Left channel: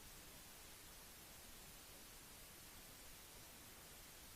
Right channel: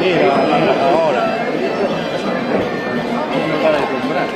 Mira, ahora. No para de comprar.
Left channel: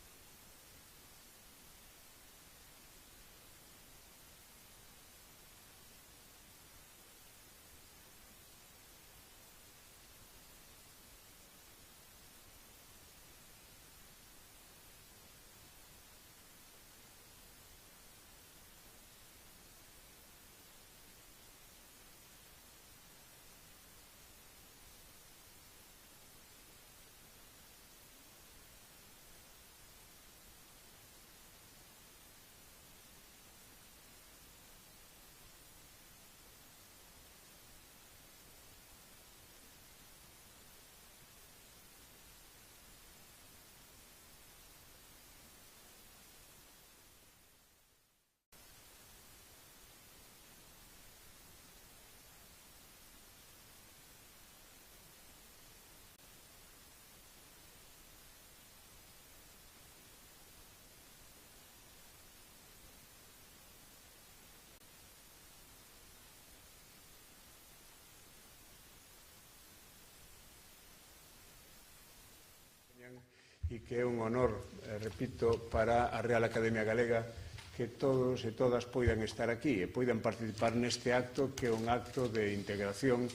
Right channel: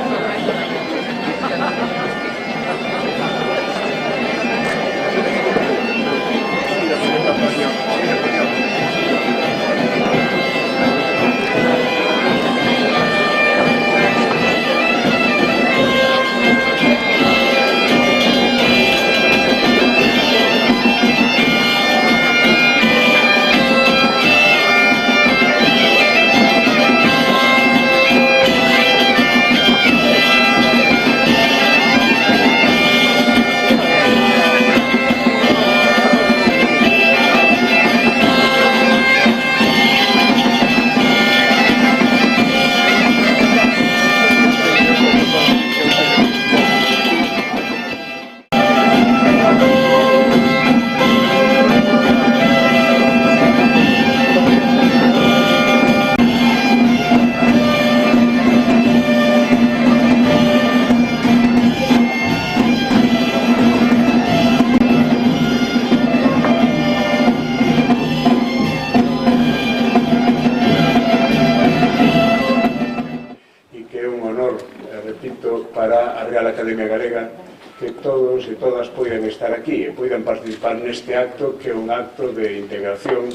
Para a Real Academia Galega que todos e todas poidan estar aquí e poidan participar neste acto que é un acto de integración,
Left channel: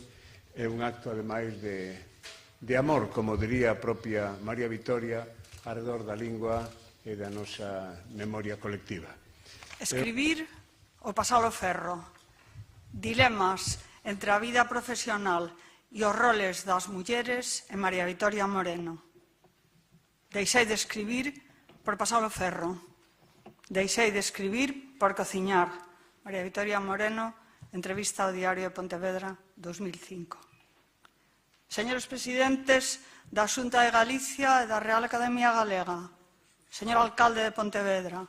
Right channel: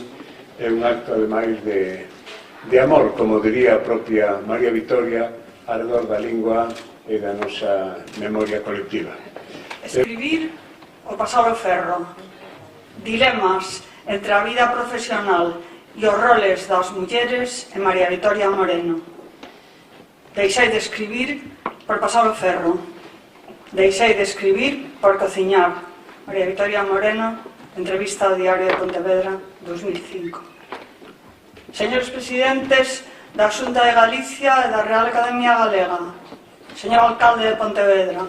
é un acto ademais de amor, como diría a propia María Vitoria, alrededor da lingua e da nosa memoria colectiva. Escribir o pasar o ferro, dilemas entre a vida profesional e os roles das mulleres e María Vitoria Moreno. Deixei de escribir por pasar o ferro. Deixei de escribir por cociñar. María Vitoria Moreno, entrevista ao Diario de Pontevedra, 2005. Señores presidentes da Xunta de Galicia e da Real Academia Galega, señor alcalde de Pontevedra,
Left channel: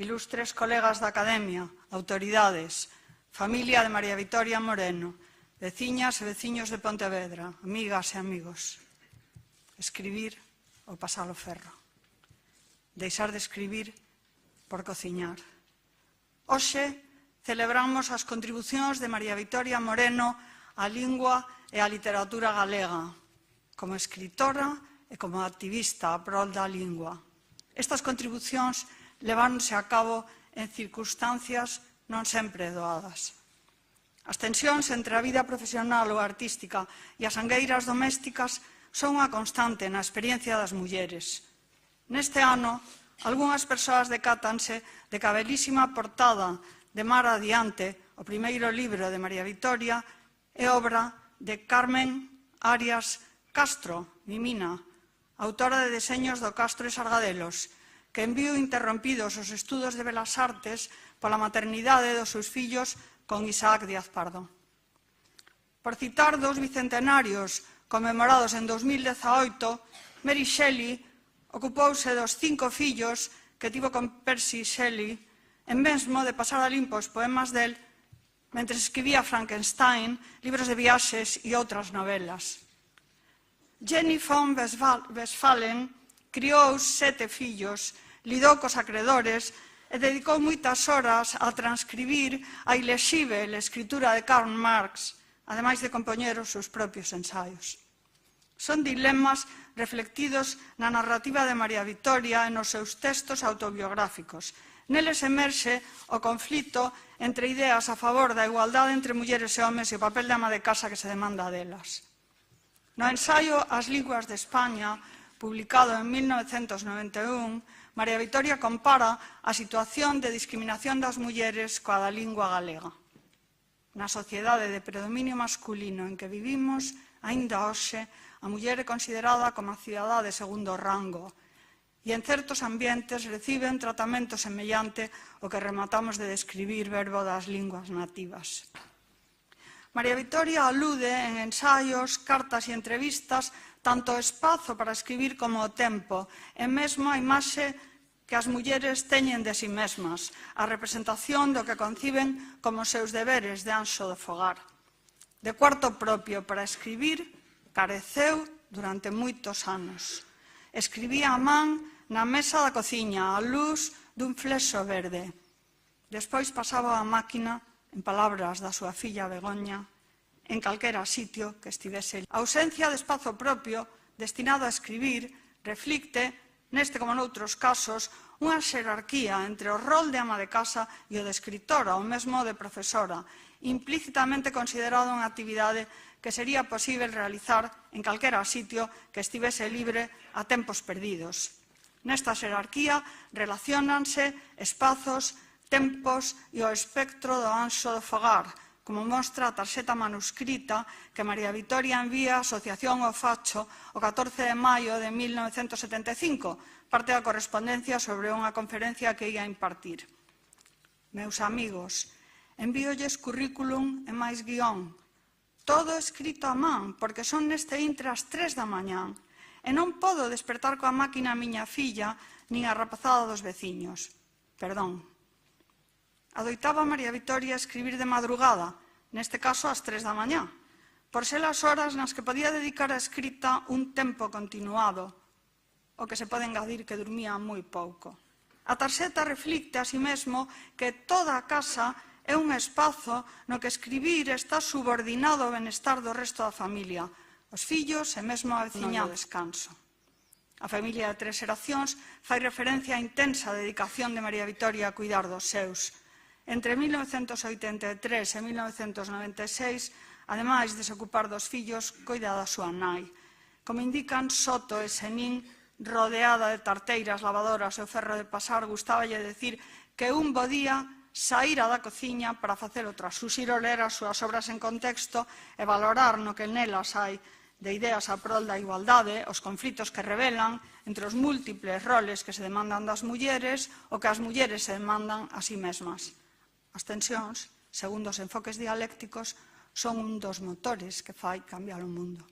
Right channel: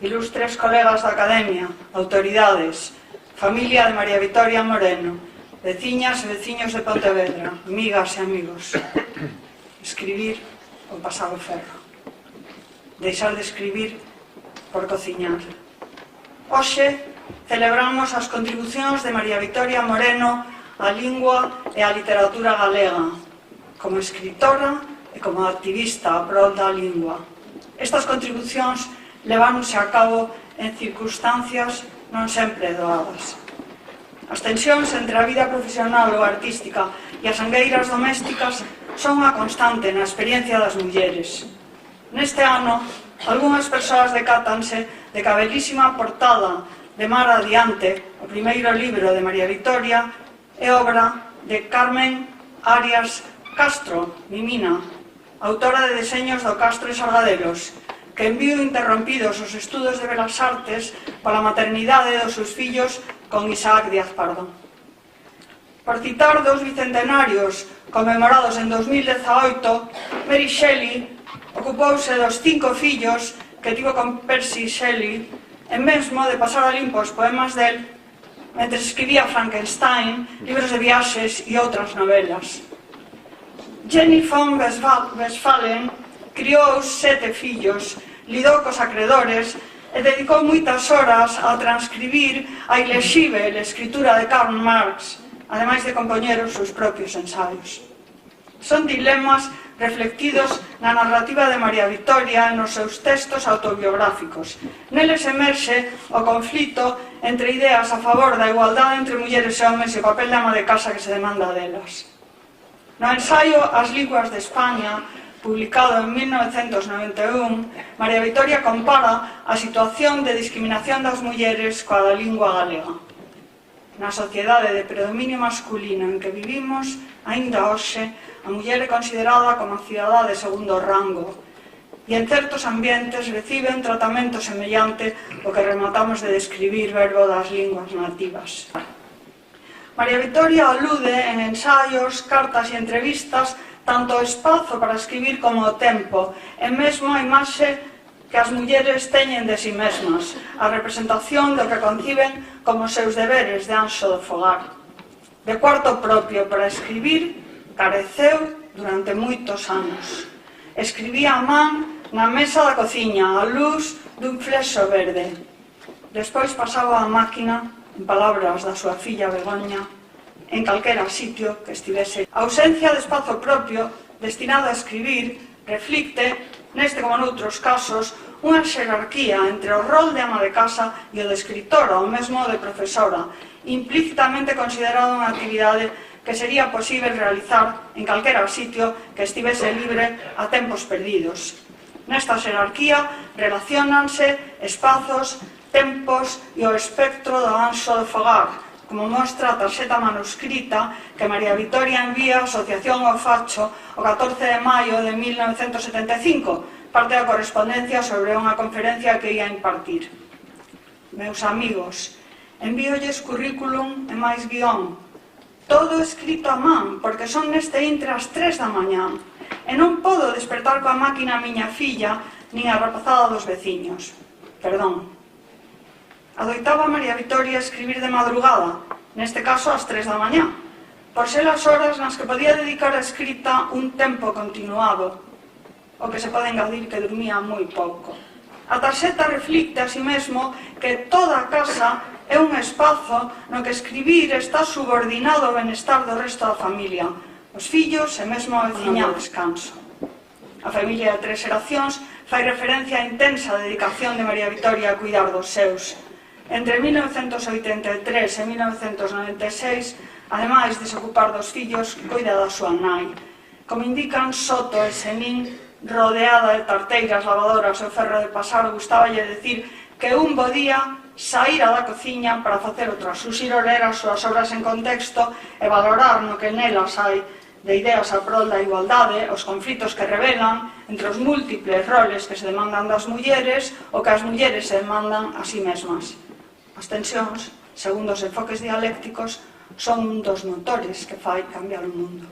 ilustres colegas da Academia, autoridades, familia de María Vitoria Moreno, veciñas e veciños de Pontevedra, amigas e amigos. Escribir o pasar o ferro. Deixar de escribir por cociñar. Hoxe celebramos as contribucións de María Vitoria Moreno á lingua e á literatura galega, como escritora e como activista a prol da lingua. Estas contribucións leváronse a cabo en circunstancias non sempre doadas. As tensións entre a vida profesional ou artística e as angueiras domésticas son unha constante na experiencia das mulleres. Neste ano, algunhas persoas decátanse de que a belísima portada de Mar Adiante, o primeiro libro de María Vitoria, é obra de Carmen Arias Castro, Mimina, autora de deseños do Castro e Sargadelos, que en viu interrompidos os estudos de Belas Artes pola maternidade dos seus fillos con Isaac Díaz Pardo. Por citar dous bicentenarios conmemorados en 2018, Mary Shelley ocupouse dos 5 fillos que tivo con Percy Shelley e mesmo de pasar a limpo os poemas del mentre escribía Frankenstein, libros de viaxes e outras novelas. Jenny von Westphalen criou 7 fillos, lidou cos acredores e dedicou moitas horas a transcribir a ilexível escritura de Karl Marx, ademais de compoñer os seus propios ensaios. Son dilemas reflectidos na narrativa de María Vitoria e nos seus textos autobiográficos. Neles emerxe o conflito entre ideas a favor da igualdade entre mulleres e homes e o papel de ama de casa que se demanda delas. No ensaio As linguas de España, publicado en 1991, María Vitoria compara a situación de discriminación das mulleres coa da lingua galega. Na sociedade de predominio masculino en que vivimos, aínda hoxe, a muller é considerada como cidadá de segundo rango e en certos ambientes recibe un tratamento semellante ao que rematamos de describir verbo das linguas nativas. María Vitoria alude en ensaios, cartas e entrevistas tanto o espazo para escribir como o tempo e mesmo a imaxe que as mulleres teñen de si mesmas, a representación do que conciben como seus deberes de anxo do fogar. De cuarto propio para escribir careceu durante moitos anos. Escribía a man na mesa da cociña, á luz dun flexo verde. Despois pasaba a máquina, en palabras da súa filla Begoña, en calquera sitio que estivese. A ausencia de espazo propio destinado a escribir reflicte, neste como noutros casos, unha xerarquía entre o rol de ama de casa e o de escritora, ou mesmo de profesora, implícitamente considerada unha actividade que sería posible realizar en calquera sitio que estivese libre a tempos perdidos. Nesta xerarquía relaciónanse espazos, tempos e o espectro do anxo de Fogar, como mostra a tarxeta manuscrita que María Vitoria envía á Asociación O Facho o 14 de maio de 1975, parte da correspondencia sobre unha conferencia que ia impartir. Meus amigos, envíolles currículum e máis guión, todo escrito a man, porque son neste intre as 3 da mañá, e non podo despertar coa máquina a miña filla, nin a rapazada dos veciños. Perdón. Adoitaba María Vitoria escribir de madrugada, neste caso ás 3 da mañá, por ser as horas nas que podía dedicar a escrita un tempo continuado, o que se pode engadir que dormía moi pouco. A tarxeta reflicte así mesmo que toda a casa é un espazo no que escribir está subordinado ao benestar do resto da familia, os fillos e mesmo a veciña ao descanso. A familia de 3 xeracións fai referencia á intensa dedicación de María Vitoria a cuidar dos seus. Entre 1983 e 1996, ademais de se ocupar dos fillos, cuida da súa nai. Como indican Soto e Senín, rodeada de tarteiras, lavadoras e ferro de pasar, gustáballe decir que un bo día saíra da cociña para facer outra suxiro, ler as súas obras en contexto e valorar no que nelas hai de ideas a prol da igualdade, os conflitos que revelan entre os múltiples roles que se demandan das mulleres ou que as mulleres se demandan a sí mesmas. As tensións, segundo os enfoques dialécticos, son un dos motores que fai cambiar o mundo.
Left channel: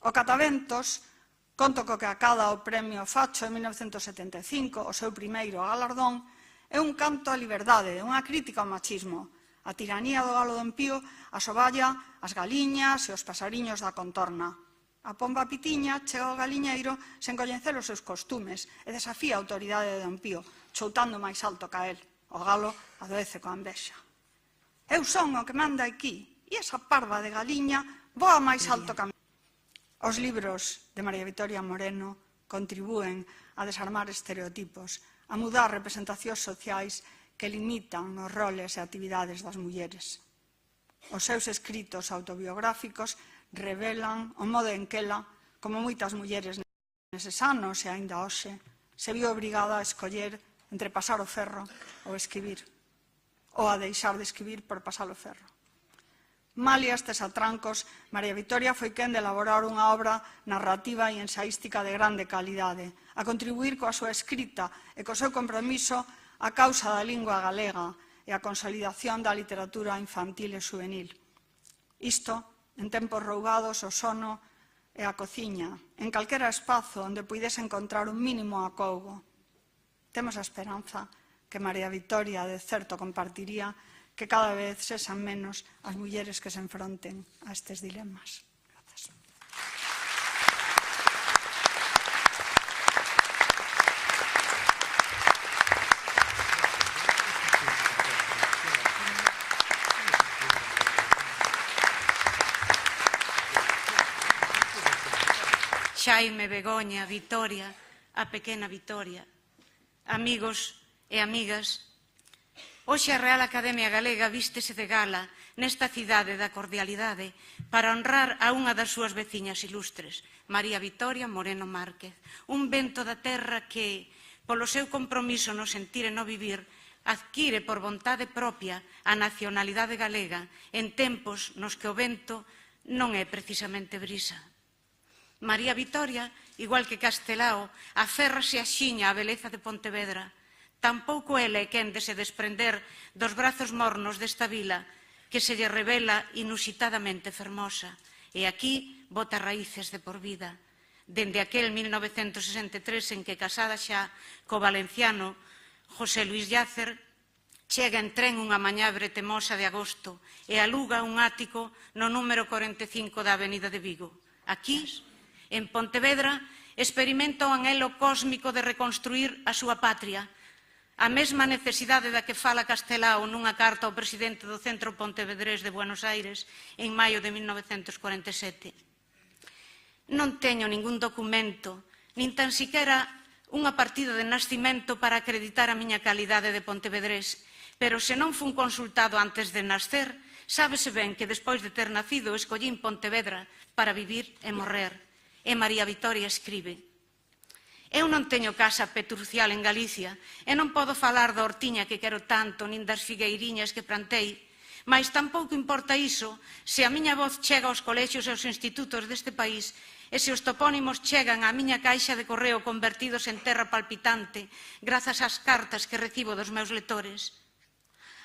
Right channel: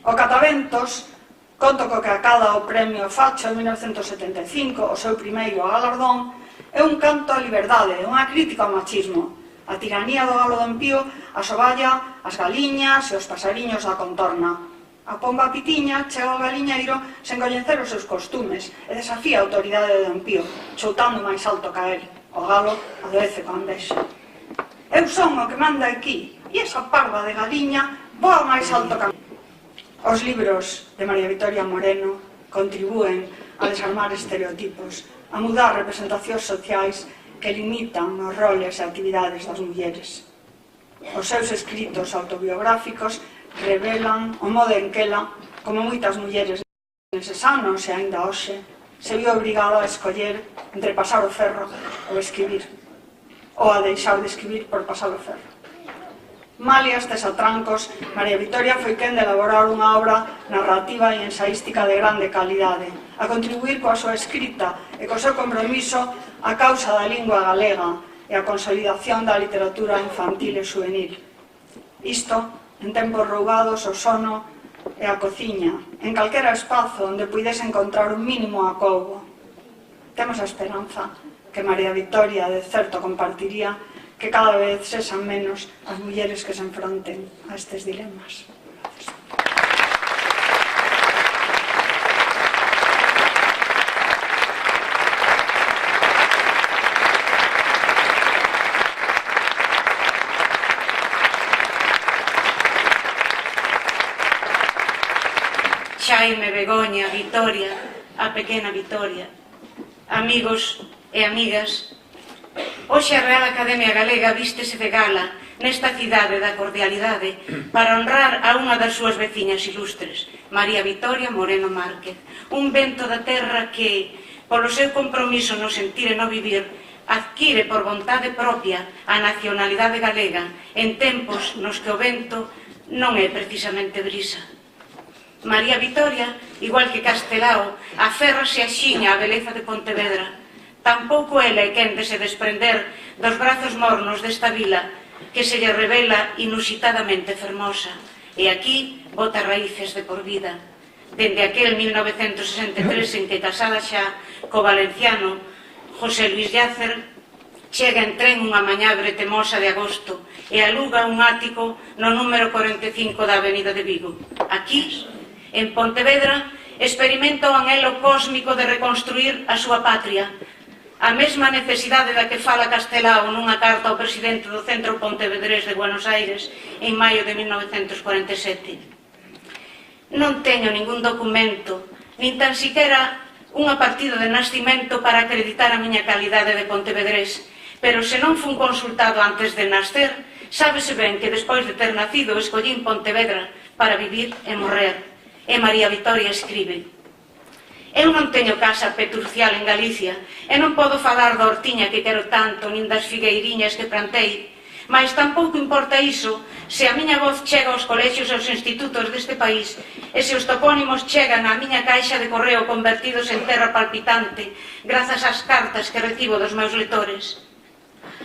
O Cataventos, conto co que acada o Premio Facho en 1975, o seu primeiro galardón, é un canto á liberdade, unha crítica ao machismo. A tiranía do galo do Empío asoballa as galiñas e os pasariños da contorna. A pomba pitiña chega ao galiñeiro sen coñecer os seus costumes e desafía a autoridade do Empío, choutando máis alto ca el. O galo adoece con envexa. Eu son o que manda aquí, e esa parva de galiña voa máis alto ca... Os libros de María Vitoria Moreno contribúen a desarmar estereotipos, a mudar representacións sociais que limitan os roles e actividades das mulleres. Os seus escritos autobiográficos revelan o modo en que ela, como moitas mulleres neses anos e aínda hoxe, se viu obrigada a escoller entre pasar o ferro ou escribir, ou a deixar de escribir por pasar o ferro. Malia estes atrancos, María Vitoria foi quen de elaborar unha obra narrativa e ensaística de grande calidade, a contribuir coa súa escrita e co seu compromiso a causa da lingua galega e a consolidación da literatura infantil e juvenil. Isto, en tempos rougados, o sono e a cociña, en calquera espazo onde puidese encontrar un mínimo acougo. Temos a esperanza que María Vitoria, de certo, compartiría que cada vez sexan menos as mulleres que se enfronten a estes dilemas. Xaime, Begoña, Vitoria, a pequena Vitoria, amigos e amigas, hoxe a Real Academia Galega vístese de gala nesta cidade da cordialidade para honrar a unha das súas veciñas ilustres, María Vitoria Moreno Márquez, un vento da terra que, polo seu compromiso no sentir e no vivir, adquire por vontade propia a nacionalidade galega en tempos nos que o vento non é precisamente brisa. María Vitoria, igual que Castelao, aférrase axiña a beleza de Pontevedra. Tampouco ela é quen de se desprender dos brazos mornos desta vila que se lle revela inusitadamente fermosa e aquí bota raíces de por vida. Dende aquel 1963 en que, casada xa co valenciano José Luis Llacer, chega en tren unha mañá bretemosa de agosto e aluga un ático no número 45 da Avenida de Vigo. Aquí, en Pontevedra, experimenta o anhelo cósmico de reconstruir a súa patria, A mesma necesidade da que fala Castelao nunha carta ao presidente do Centro Pontevedrés de Buenos Aires en maio de 1947. Non teño ningún documento, nin tan siquiera unha partida de nascimento para acreditar a miña calidade de pontevedrés, pero se non fun consultado antes de nascer, sábese ben que despois de ter nacido escollín Pontevedra para vivir e morrer. E María Vitoria escribe: eu non teño casa petrucial en Galicia e non podo falar da hortiña que quero tanto nin das figueiriñas que plantei, mas tampouco importa iso se a miña voz chega aos colexios e aos institutos deste país e se os topónimos chegan á miña caixa de correo convertidos en terra palpitante grazas ás cartas que recibo dos meus lectores.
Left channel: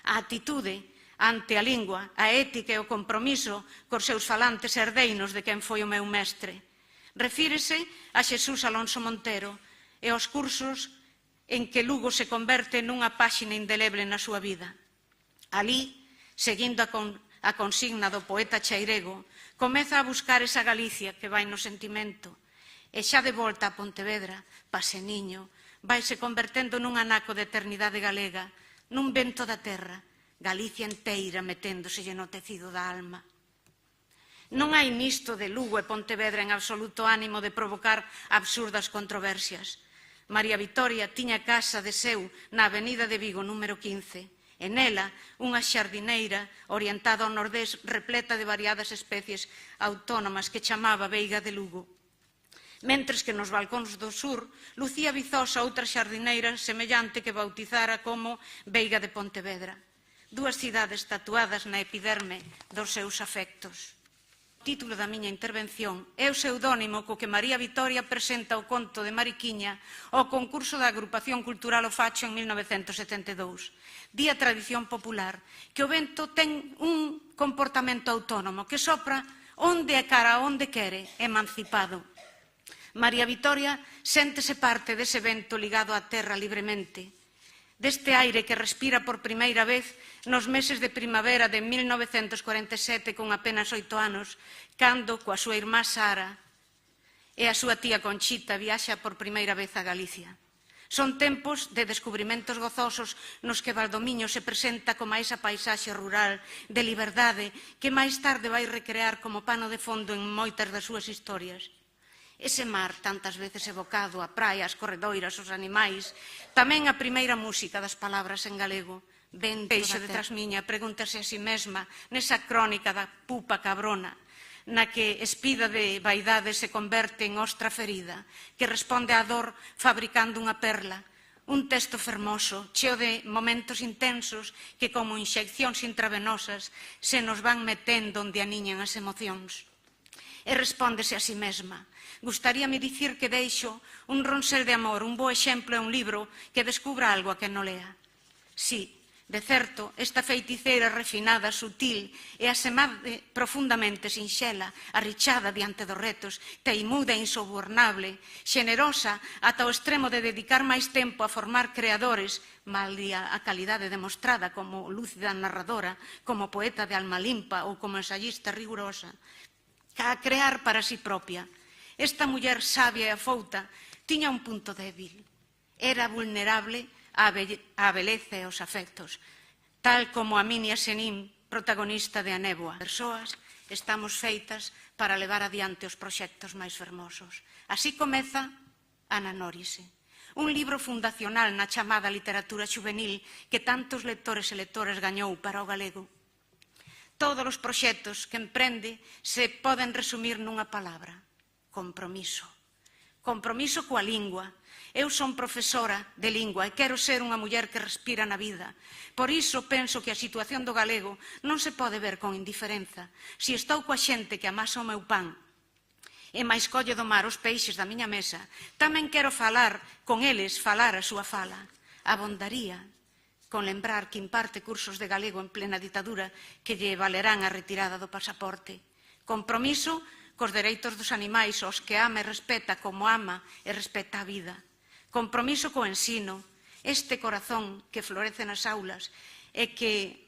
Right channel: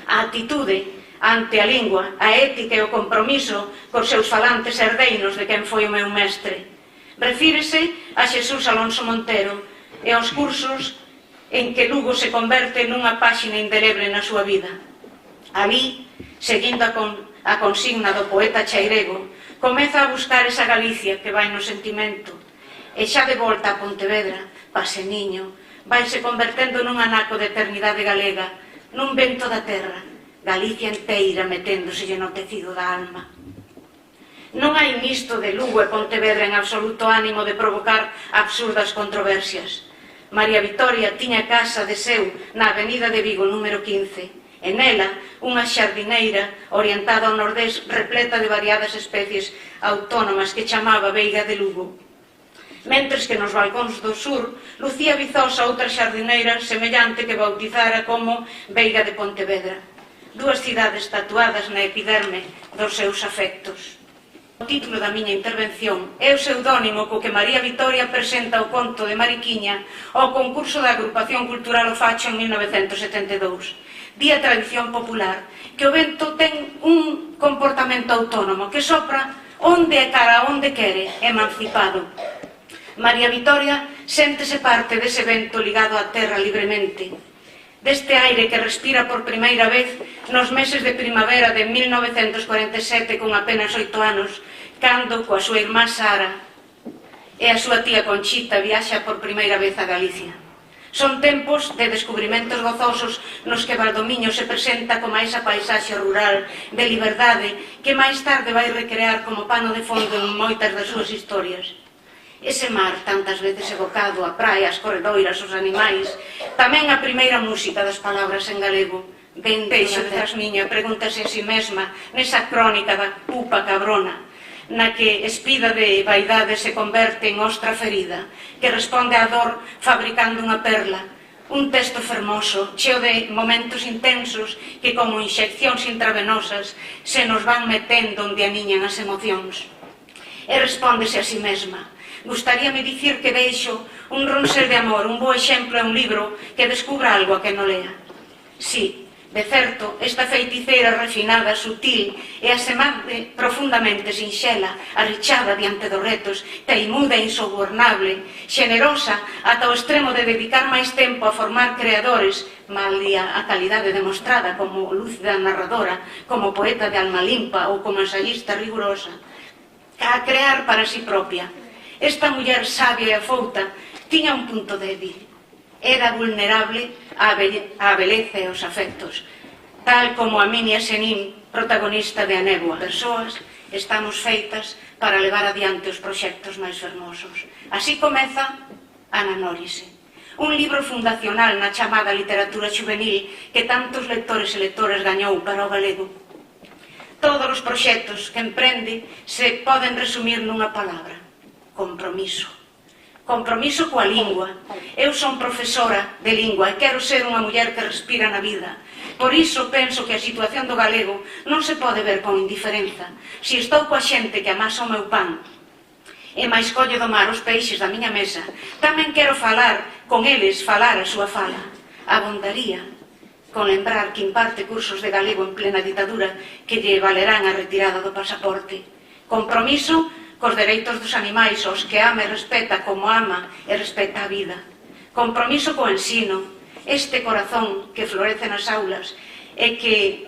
A actitude ante a lingua, a ética e o compromiso cos seus falantes herdeinos de quen foi o meu mestre. Refírese a Xesús Alonso Montero e aos cursos en que Lugo se converte nunha páxina indeleble na súa vida. Ali, seguindo a consigna do poeta chairego, comeza a buscar esa Galicia que vai no sentimento e xa de volta a Pontevedra, paseniño, vaise convertendo nun anaco de eternidade galega, nun vento da terra, Galicia enteira meténdoselle no tecido da alma. Non hai nisto de Lugo e Pontevedra en absoluto ánimo de provocar absurdas controversias. María Vitoria tiña casa de seu na avenida de Vigo número 15, e nela unha xardineira orientada ao nordés repleta de variadas especies autónomas que chamaba Veiga de Lugo. Mentres que nos balcóns do sur lucía vizosa outra xardineira semellante que bautizara como Veiga de Pontevedra. Dúas cidades tatuadas na epiderme dos seus afectos. O título da miña intervención é o pseudónimo co que María Vitoria presenta o conto de Mariquiña ao concurso da Agrupación Cultural O Facho en 1972. Di a tradición popular que o vento ten un comportamento autónomo que sopra onde e cara onde quere, emancipado. María Vitoria séntese parte dese vento ligado á terra libremente, deste aire que respira por primeira vez nos meses de primavera de 1947 con apenas 8 anos, cando, coa súa irmá Sara e a súa tía Conchita viaxa por primeira vez a Galicia. Son tempos de descubrimentos gozosos nos que Valdomiño se presenta como esa paisaxe rural de liberdade que máis tarde vai recrear como pano de fondo en moitas das súas historias. Ese mar, tantas veces evocado, a praia, as corredoiras, os animais, tamén a primeira música das palabras en galego. Ben deixo de Trasmiña, pregúntase a si mesma nesa crónica da pupa cabrona, na que espida de vaidade se converte en ostra ferida, que responde á dor fabricando unha perla. Un texto fermoso, cheo de momentos intensos que como inxeccións intravenosas se nos van metendo onde aniñan as emocións. E respóndese a si mesma. Gustaríame dicir que deixo un ronsel de amor, un bo exemplo e un libro que descubra algo a que non lea. Sí, de certo, esta feiticeira refinada, sutil e asemante profundamente sinxela, arrichada diante dos retos, teimuda e insobornable, xenerosa ata o extremo de dedicar máis tempo a formar creadores, malia a calidade demostrada como lúcida narradora, como poeta de alma limpa ou como ensayista rigurosa, a crear para si propia. Esta muller sabia e afouta tiña un punto débil. Era vulnerable á beleza e aos afectos, tal como a miña Senín, protagonista de A Néboa. Persoas estamos feitas para levar adiante os proxectos máis fermosos. Así comeza Ananólise, un libro fundacional na chamada literatura juvenil que tantos lectores e lectoras gañou para o galego. Todos os proxectos que emprende se poden resumir nunha palabra: compromiso. Compromiso coa lingua. Eu son profesora de lingua e quero ser unha muller que respira na vida. Por iso penso que a situación do galego non se pode ver con indiferenza. Si estou coa xente que amasa o meu pan e máis colle do mar os peixes da miña mesa, tamén quero falar con eles, falar a súa fala. Abondaría con lembrar que imparte cursos de galego en plena ditadura que lle valerán a retirada do pasaporte. Compromiso cos dereitos dos animais, os que ama e respeta como ama e respeta a vida. Compromiso co ensino, este corazón que florece nas aulas e que,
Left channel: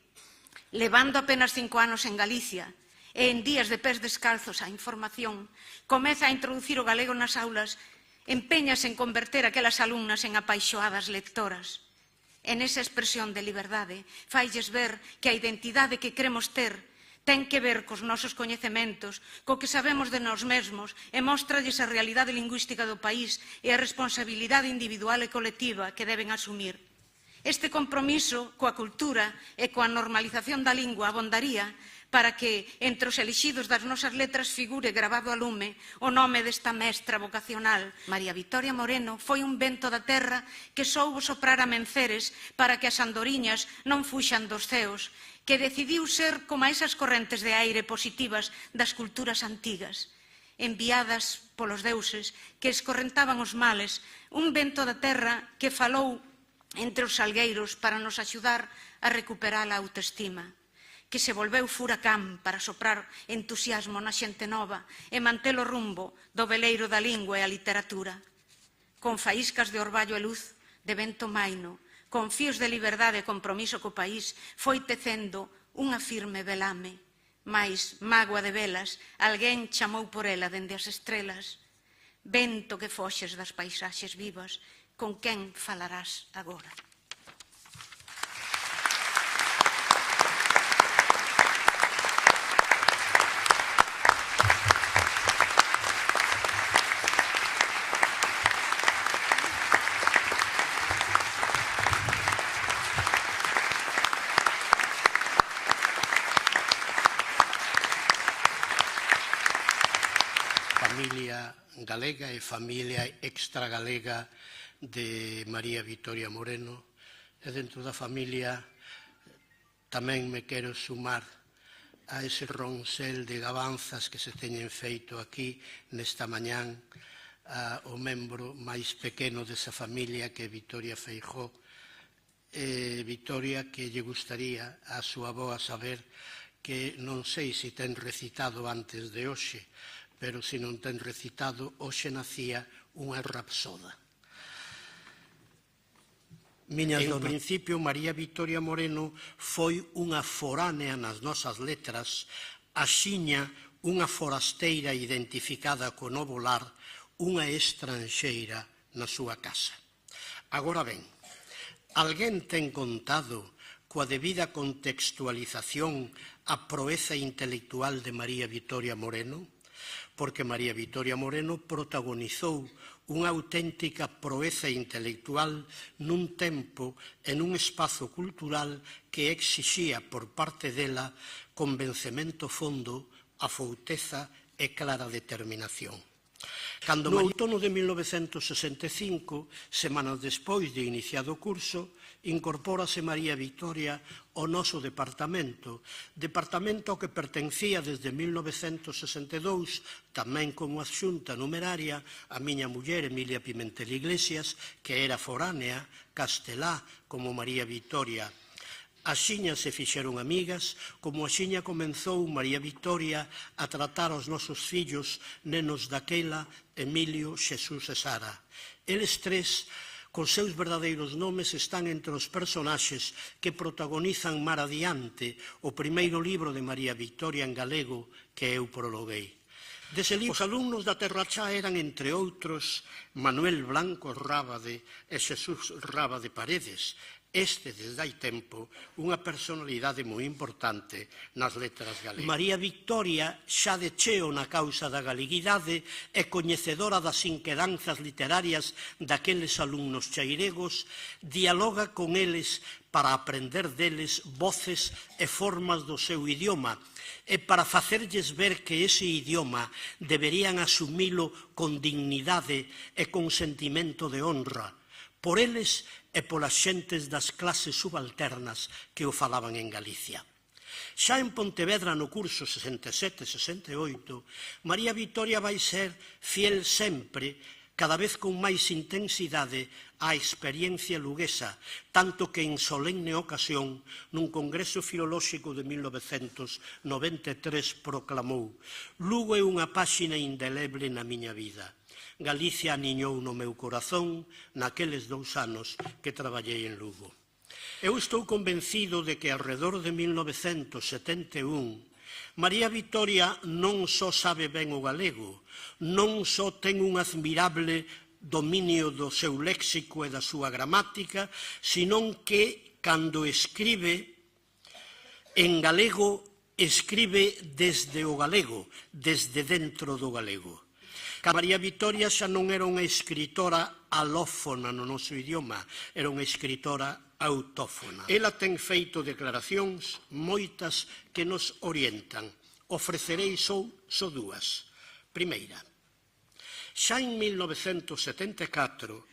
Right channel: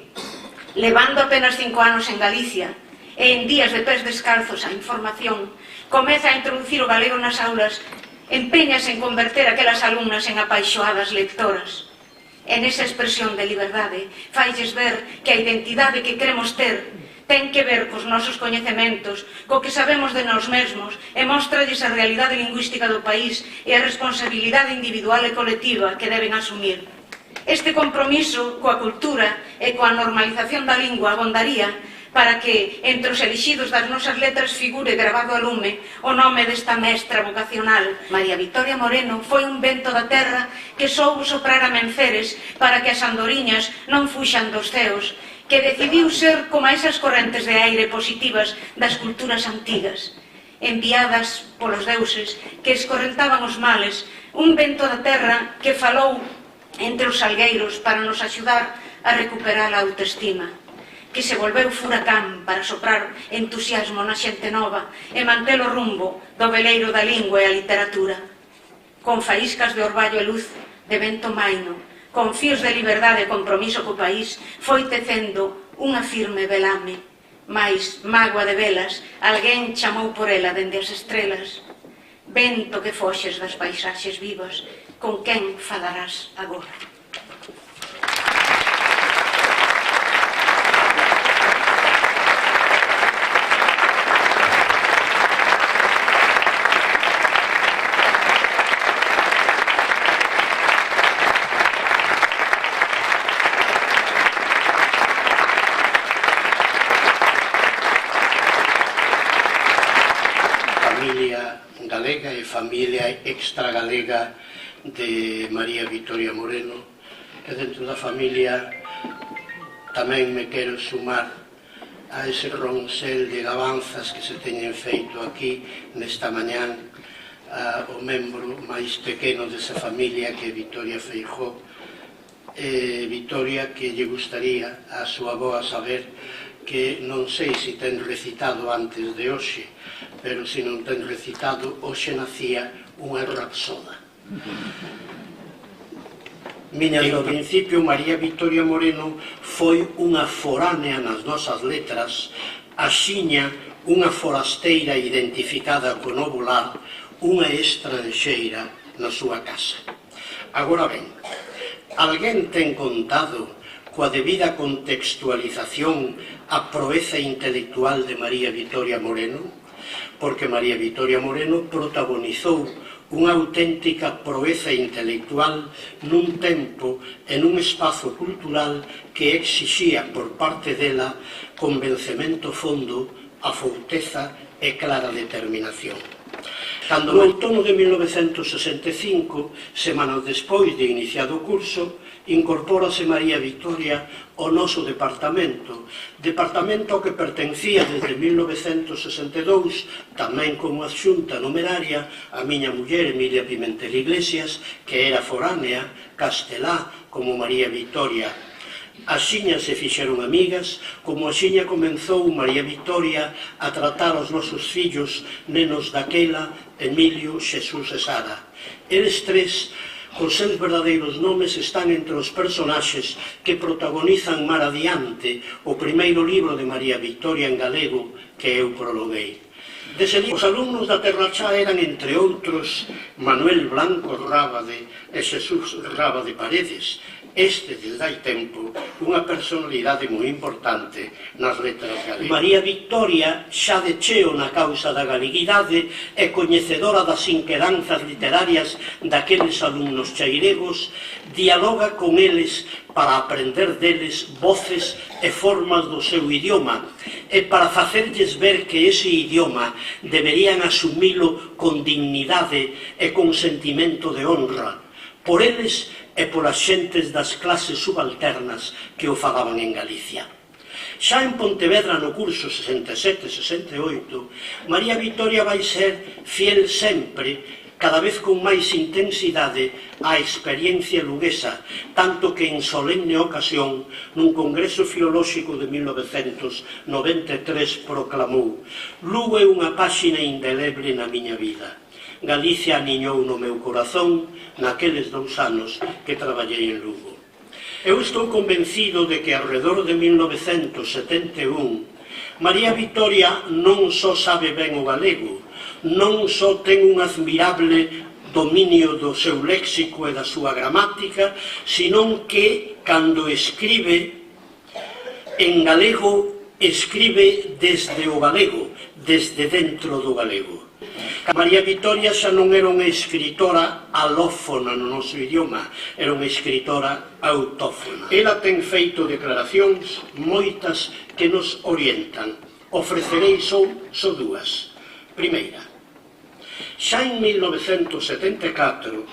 levando apenas 5 anos en Galicia e en días de pés descalzos a información, comeza a introducir o galego nas aulas, empeñase en converter aquelas alumnas en apaixoadas lectoras. E nesa expresión de liberdade failles ver que a identidade que queremos ter ten que ver cos nosos coñecementos, co que sabemos de nós mesmos, e mostralles a realidade lingüística do país e a responsabilidade individual e colectiva que deben asumir. Este compromiso coa cultura e coa normalización da lingua abondaría para que entre os elixidos das nosas letras figure gravado a lume o nome desta mestra vocacional. María Vitoria Moreno foi un vento da terra que soubo soprar a menceres para que as andoriñas non fuxan dos ceos, que decidiu ser como esas correntes de aire positivas das culturas antigas, enviadas polos deuses que escorrentaban os males, un vento da terra que falou entre os salgueiros para nos axudar a recuperar a autoestima, que se volveu furacán para soprar entusiasmo na xente nova e manter o rumbo do veleiro da lingua e a literatura, con faíscas de orballo e luz de vento maino, con fíos de liberdade e compromiso co país, foi tecendo unha firme velame. Mais, mágoa de velas, alguén chamou por ela dende as estrelas. Vento que foxes das paisaxes vivas, con quen falarás agora? Galega e familia extragalega de María Vitoria Moreno, e dentro da familia tamén me quero sumar a ese ronsel de gabanzas que se teñen feito aquí nesta mañán o membro máis pequeno desa familia que é Vitoria Feijóo. Vitoria, que lle gustaría a súa avoa saber que non sei se ten recitado antes de hoxe, pero se non ten recitado, hoxe nacía unha rapsoda. En principio, María Vitoria Moreno foi unha foránea nas nosas letras, axiña unha forasteira identificada co novo lar, unha estranxeira na súa casa. Agora ben, alguén ten contado coa debida contextualización a proeza intelectual de María Vitoria Moreno? Porque María Vitoria Moreno protagonizou unha auténtica proeza intelectual nun tempo e nun espazo cultural que exixía por parte dela convencemento fondo, afouteza e clara determinación. Cando no outono de 1965, semanas despois de iniciado o curso, incorpórase María Vitoria ao noso departamento ao que pertencía desde 1962, tamén como adxunta numeraria, a miña muller Emilia Pimentel Iglesias, que era foránea, castelá, como María Vitoria. Axiña se fixeron amigas, como axiña comenzou María Vitoria a tratar os nosos fillos, nenos daquela, Emilio, Xesús e Sara. Eles tres, os seus verdadeiros nomes, están entre os personaxes que protagonizan mar adiante o primeiro libro de María Vitoria en galego que eu prologuei. Dese libro, os alumnos da Terrachá eran, entre outros, Manuel Blanco Rábade e Xesús Rábade Paredes. Este, desde hai tempo, unha personalidade moi importante nas letras galegas. María Vitoria, xa de cheo na causa da galeguidade e coñecedora das inquedanzas literarias daqueles alumnos cheiregos, dialoga con eles para aprender deles voces e formas do seu idioma e para facerlles ver que ese idioma deberían asumilo con dignidade e con sentimento de honra por eles e polas xentes das clases subalternas que o falaban en Galicia. Xa en Pontevedra, no curso 67-68, María Vitoria vai ser fiel sempre, cada vez con máis intensidade, á experiencia luguesa, tanto que en solemne ocasión, nun congreso filolóxico de 1993, proclamou: «Lugo é unha páxina indeleble na miña vida. Galicia aniñou no meu corazón naqueles 2 anos que traballei en Lugo». Eu estou convencido de que alrededor de 1971 María Vitoria non só sabe ben o galego, non só ten un admirable dominio do seu léxico e da súa gramática, senón que, cando escribe en galego, escribe desde o galego, desde dentro do galego. María Vitoria xa non era unha escritora alófona no noso idioma, era unha escritora autófona. Ela ten feito declaracións moitas que nos orientan. Ofrecerei só dúas. Primeira, xa en 1974,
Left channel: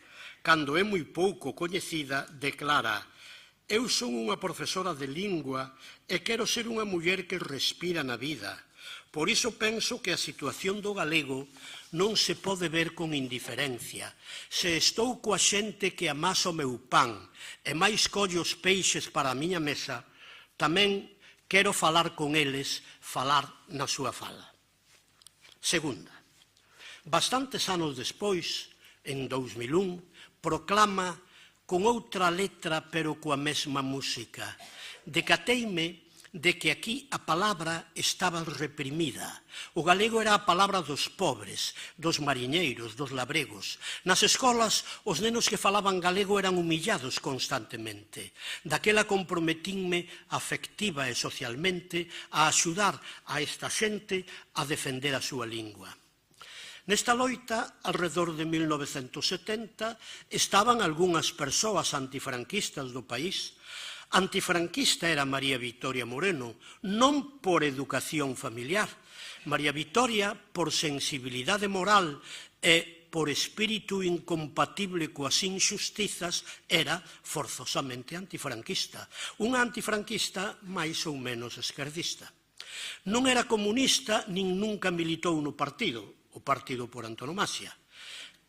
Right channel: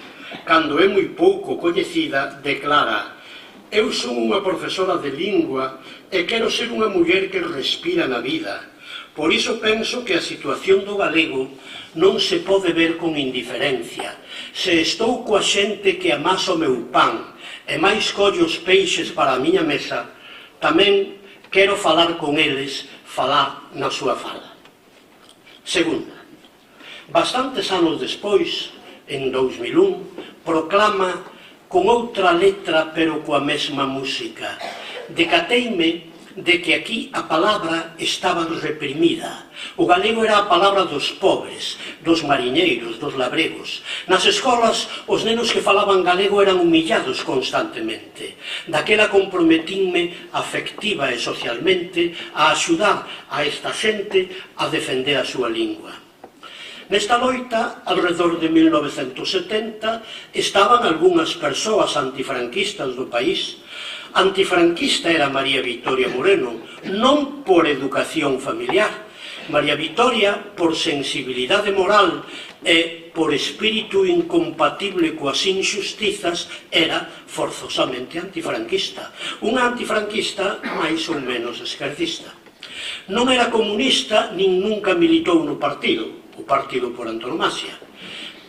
cando é moi pouco coñecida, declara: eu son unha profesora de lingua e quero ser unha muller que respira na vida. Por iso penso que a situación do galego non se pode ver con indiferencia. Se estou coa xente que amasa o meu pan e máis collo os peixes para a miña mesa, tamén quero falar con eles, falar na súa fala. Segunda, bastantes anos despois, en 2001, proclama con outra letra pero coa mesma música: decateime de que aquí a palabra estaba reprimida. O galego era a palabra dos pobres, dos mariñeiros, dos labregos. Nas escolas, os nenos que falaban galego eran humillados constantemente. Daquela comprometínme afectiva e socialmente a axudar a esta xente a defender a súa lingua. Nesta loita, alrededor de 1970, estaban algunhas persoas antifranquistas do país. Antifranquista era María Vitoria Moreno, non por educación familiar. María Vitoria, por sensibilidade moral e por espírito incompatible coas injustizas, era forzosamente antifranquista. Unha antifranquista máis ou menos esquerdista. Non era comunista nin nunca militou no partido, o partido por antonomasia.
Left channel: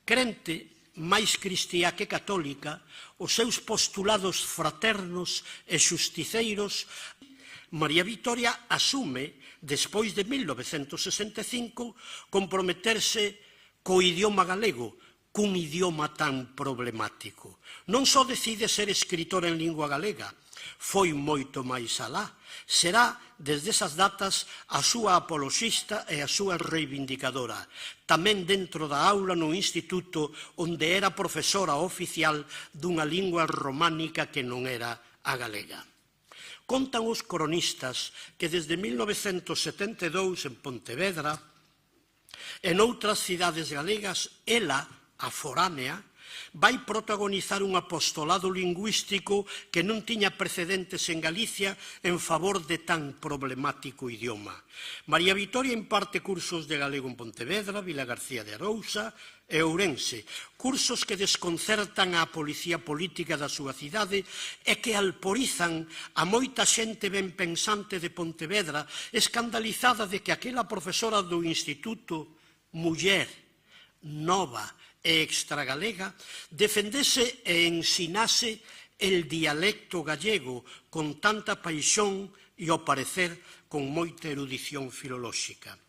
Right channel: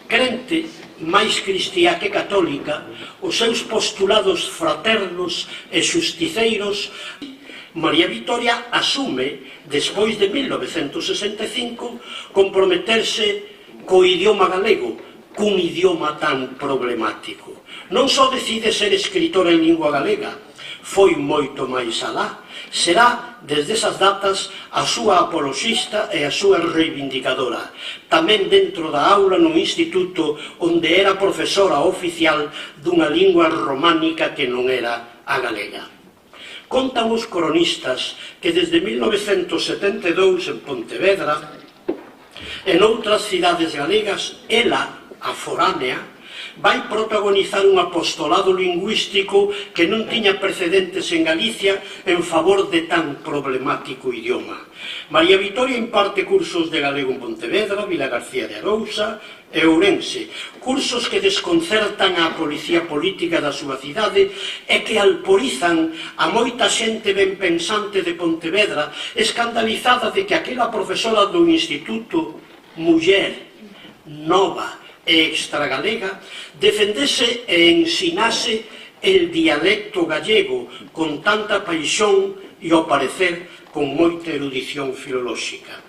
Crente, máis cristiá que católica, os seus postulados fraternos e xusticeiros, María Vitoria asume, despois de 1965, comprometerse co idioma galego, cun idioma tan problemático. Non só decide ser escritora en lingua galega, foi moito máis alá. Será, desde esas datas, a súa apoloxista e a súa reivindicadora. Tamén dentro da aula no instituto onde era profesora oficial dunha lingua románica que non era a galega. Contan os cronistas que desde 1972 en Pontevedra e noutras cidades galegas, ela, a foránea, vai protagonizar un apostolado lingüístico que non tiña precedentes en Galicia en favor de tan problemático idioma. María Vitoria imparte cursos de galego en Pontevedra, Vilagarcía de Arousa e Ourense, cursos que desconcertan a policía política da súa cidade e que alporizan a moita xente ben pensante de Pontevedra, escandalizada de que aquela profesora do instituto, muller, nova e extragalega, defendese e ensinase el dialecto gallego con tanta paixón e, ao parecer, con moita erudición filolóxica.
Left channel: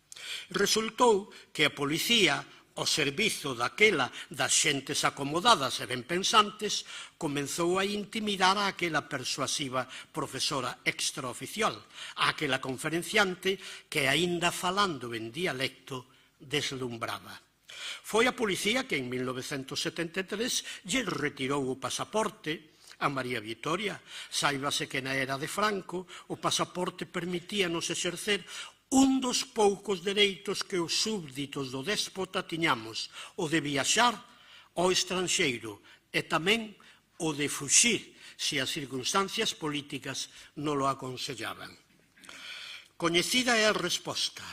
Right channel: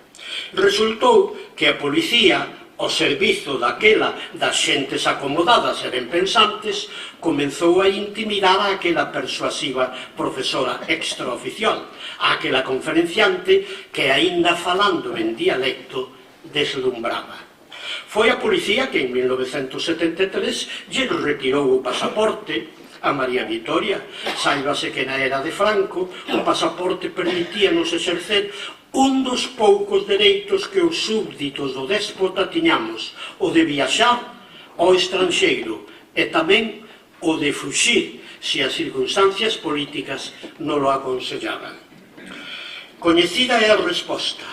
Resultou que a policía, ao servizo daquela das xentes acomodadas e ben pensantes, comenzou a intimidar a aquela persuasiva profesora extraoficial, a aquela conferenciante que, aínda falando en dialecto, deslumbraba. Foi a policía que en 1973 lle retirou o pasaporte a María Vitoria. Sáibase que na era de Franco o pasaporte permitíanos exercer un dos poucos dereitos que os súbditos do déspota tiñamos, o de viaxar ao estranxeiro e tamén o de fuxir se as circunstancias políticas non o aconsellaban. Coñecida é a resposta.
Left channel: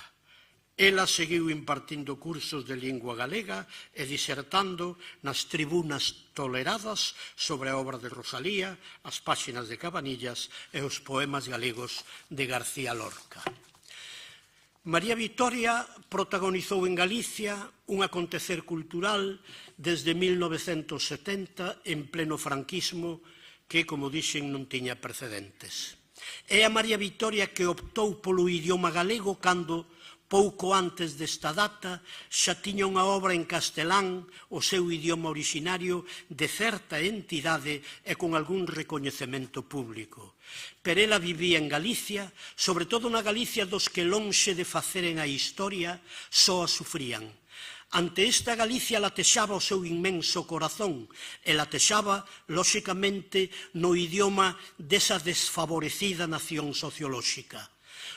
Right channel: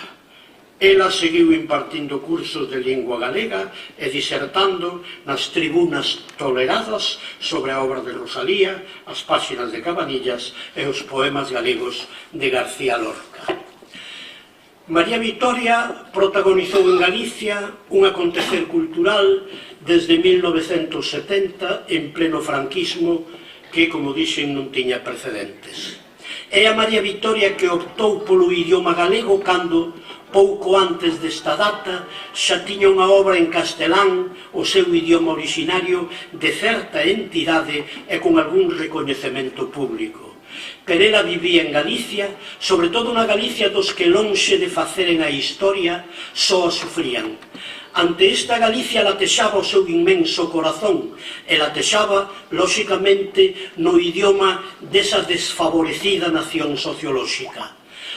Ela seguiu impartindo cursos de lingua galega e disertando nas tribunas toleradas sobre a obra de Rosalía, as páxinas de Cabanillas e os poemas galegos de García Lorca. María Vitoria protagonizou en Galicia un acontecer cultural desde 1970 en pleno franquismo que, como dixen, non tiña precedentes. É a María Vitoria que optou polo idioma galego cando, pouco antes desta data, xa tiña unha obra en castelán, o seu idioma originario, de certa entidade e con algún recoñecemento público. Pero ela vivía en Galicia, sobre todo na Galicia dos que lonxe de faceren a historia, só a sufrían. Ante esta Galicia latexaba o seu inmenso corazón e latexaba, lóxicamente, no idioma desa desfavorecida nación sociolóxica.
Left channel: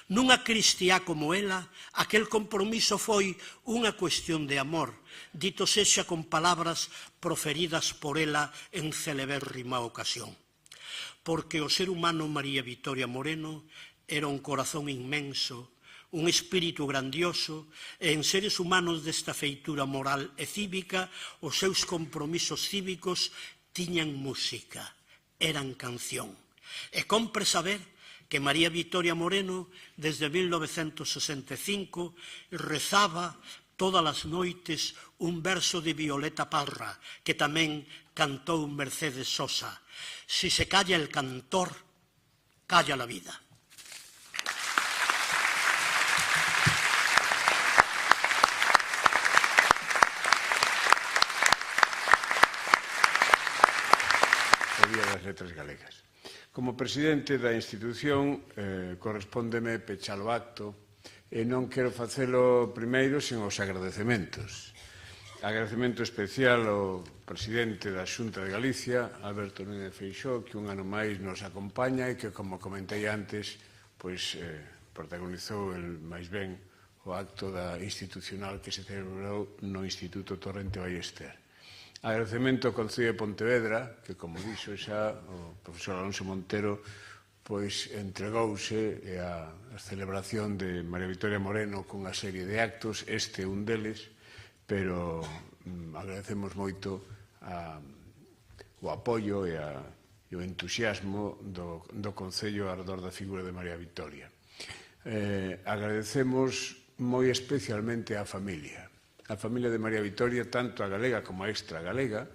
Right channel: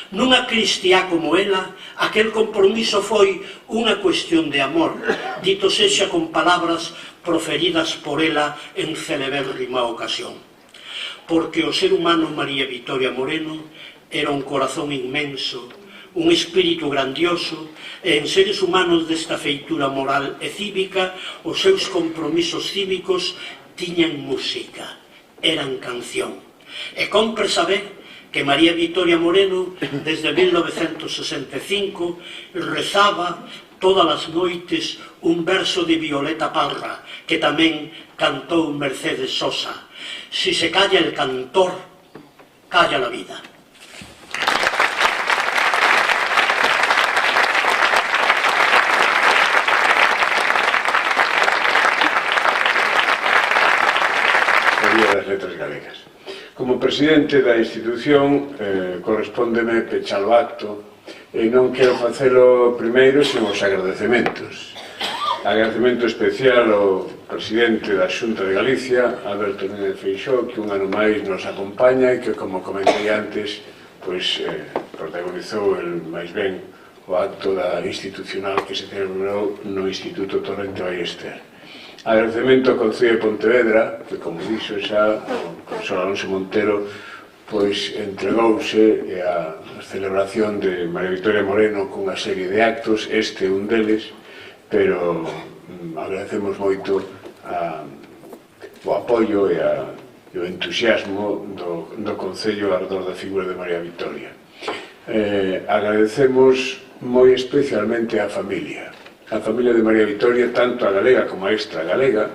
Nunha cristiá como ela, aquel compromiso foi unha cuestión de amor, dito sexa con palabras proferidas por ela en celebérrima ocasión. Porque o ser humano María Vitoria Moreno era un corazón inmenso, un espírito grandioso, e en seres humanos desta feitura moral e cívica, os seus compromisos cívicos tiñan música, eran canción. E compre saber que María Vitoria Moreno, desde 1965, rezaba todas as noites un verso de Violeta Parra, que tamén cantou Mercedes Sosa. Si se calla el cantor, calla la vida. Das Letras Galegas. Como presidente da institución, correspóndeme pechar o acto e non quero facelo primeiro sen os agradecementos. Agradecemento especial ao presidente da Xunta de Galicia, Alberto Núñez Feixóo, que un ano máis nos acompaña e que, como comentei antes, protagonizou máis ben o acto institucional que se celebrou no Instituto Torrente Ballester. Agradecemento ao Concello de Pontevedra, que, como dixo xa, o profesor Alonso Montero, entregouse á celebración de María Vitoria Moreno cunha serie de actos, este un deles, pero agradecemos moito o apoio e o entusiasmo do Concello ao redor da figura de María Vitoria. Agradecemos moi especialmente á familia de María Vitoria, tanto a galega como a extra galega,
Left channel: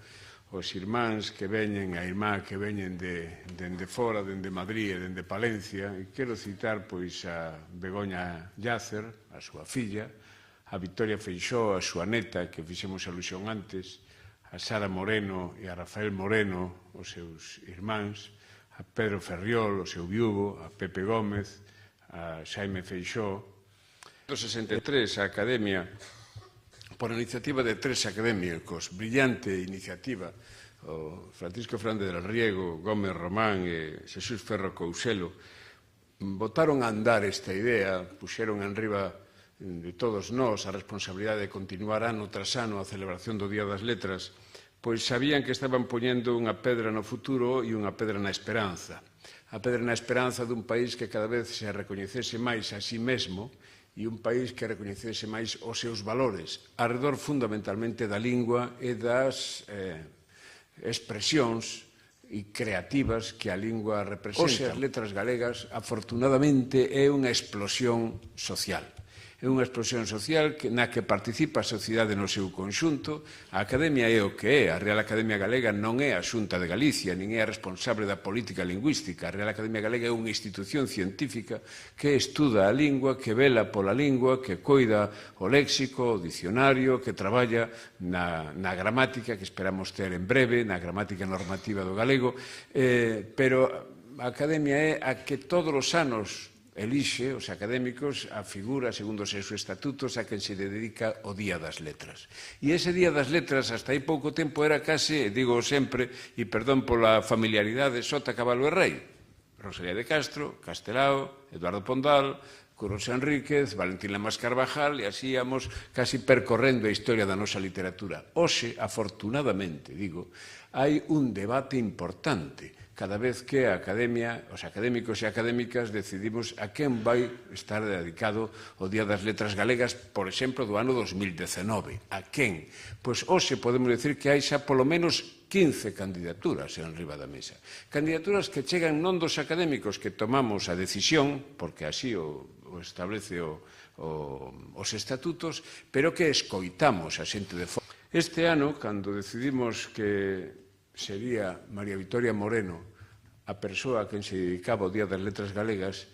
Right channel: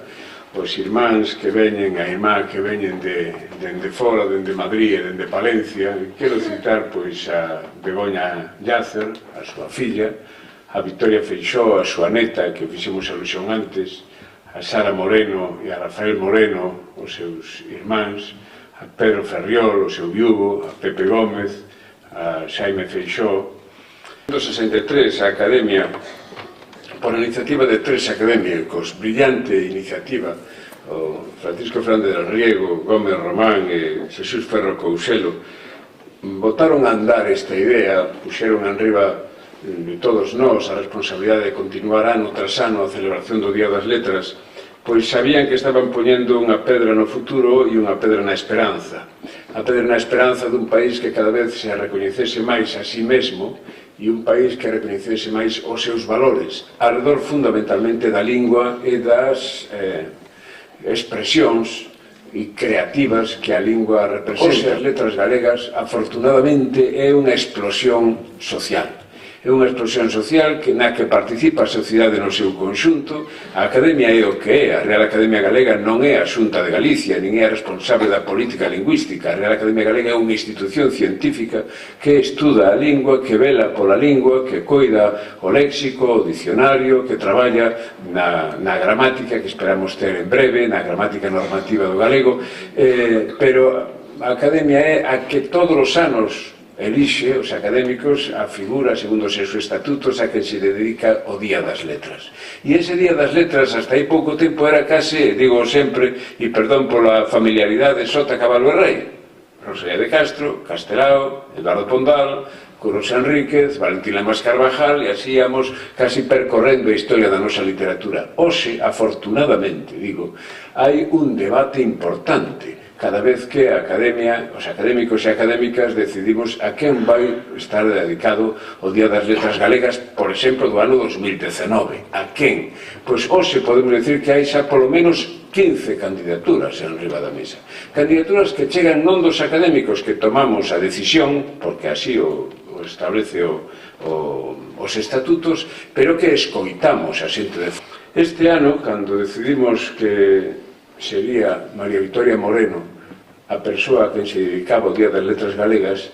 os irmáns que veñen, a irmá que veñen dende fora, dende Madrid e dende Palencia. Quero citar a Begoña Llacer, a súa filla, a Vitoria Feixóo, a súa neta, que fixemos alusión antes, a Sara Moreno e a Rafael Moreno, os seus irmáns, a Pedro Ferriol, o seu viúvo, a Pepe Gómez, a Xaime Feixóo. En 1963, a Academia, por iniciativa de 3 académicos, brillante iniciativa, o Francisco Fernández del Riego, Gómez Román e Jesús Ferro Couselo, botaron a andar esta idea, puxeron enriba de todos nós a responsabilidade de continuar ano tras ano a celebración do Día das Letras, pois sabían que estaban poñendo unha pedra no futuro e unha pedra na esperanza. A pedra na esperanza dun país que cada vez se recoñecese máis a sí mesmo e un país que recoñecese máis os seus valores, alrededor fundamentalmente da lingua e das expresións creativas que a lingua representa. As letras galegas, afortunadamente, é unha explosión social. É unha explosión social na que participa a sociedade no seu conxunto. A Academia é o que é. A Real Academia Galega non é a Xunta de Galicia, nin é a responsable da política lingüística. A Real Academia Galega é unha institución científica que estuda a lingua, que vela pola lingua, que coida o léxico, o dicionario, que traballa na gramática, que esperamos ter en breve, na gramática normativa do galego, pero a Academia é a que todos os anos elixe os académicos a figura, segundo os seus estatutos, a que se dedica o Día das Letras. E ese Día das Letras, hasta aí pouco tempo, era case, digo sempre, e perdón pola familiaridade, Sota, Cabalo e Rei. Rosalía de Castro, Castelao, Eduardo Pondal, Curros Enríquez, Valentín Lamas Carvajal, e así íamos casi percorrendo a historia da nosa literatura. Hoxe, afortunadamente, digo, hai un debate importante cada vez que a Academia, os académicos e académicas decidimos a quen vai estar dedicado o Día das Letras Galegas, por exemplo, do ano 2019. A quen? Pois hoxe podemos decir que hai xa polo menos 15 candidaturas en riba da mesa. Candidaturas que chegan non dos académicos que tomamos a decisión, porque así o establece os estatutos, pero que escoitamos a xente de fora. Este ano, cando decidimos que sería María Vitoria Moreno a persoa que se dedicaba ao Día das Letras Galegas,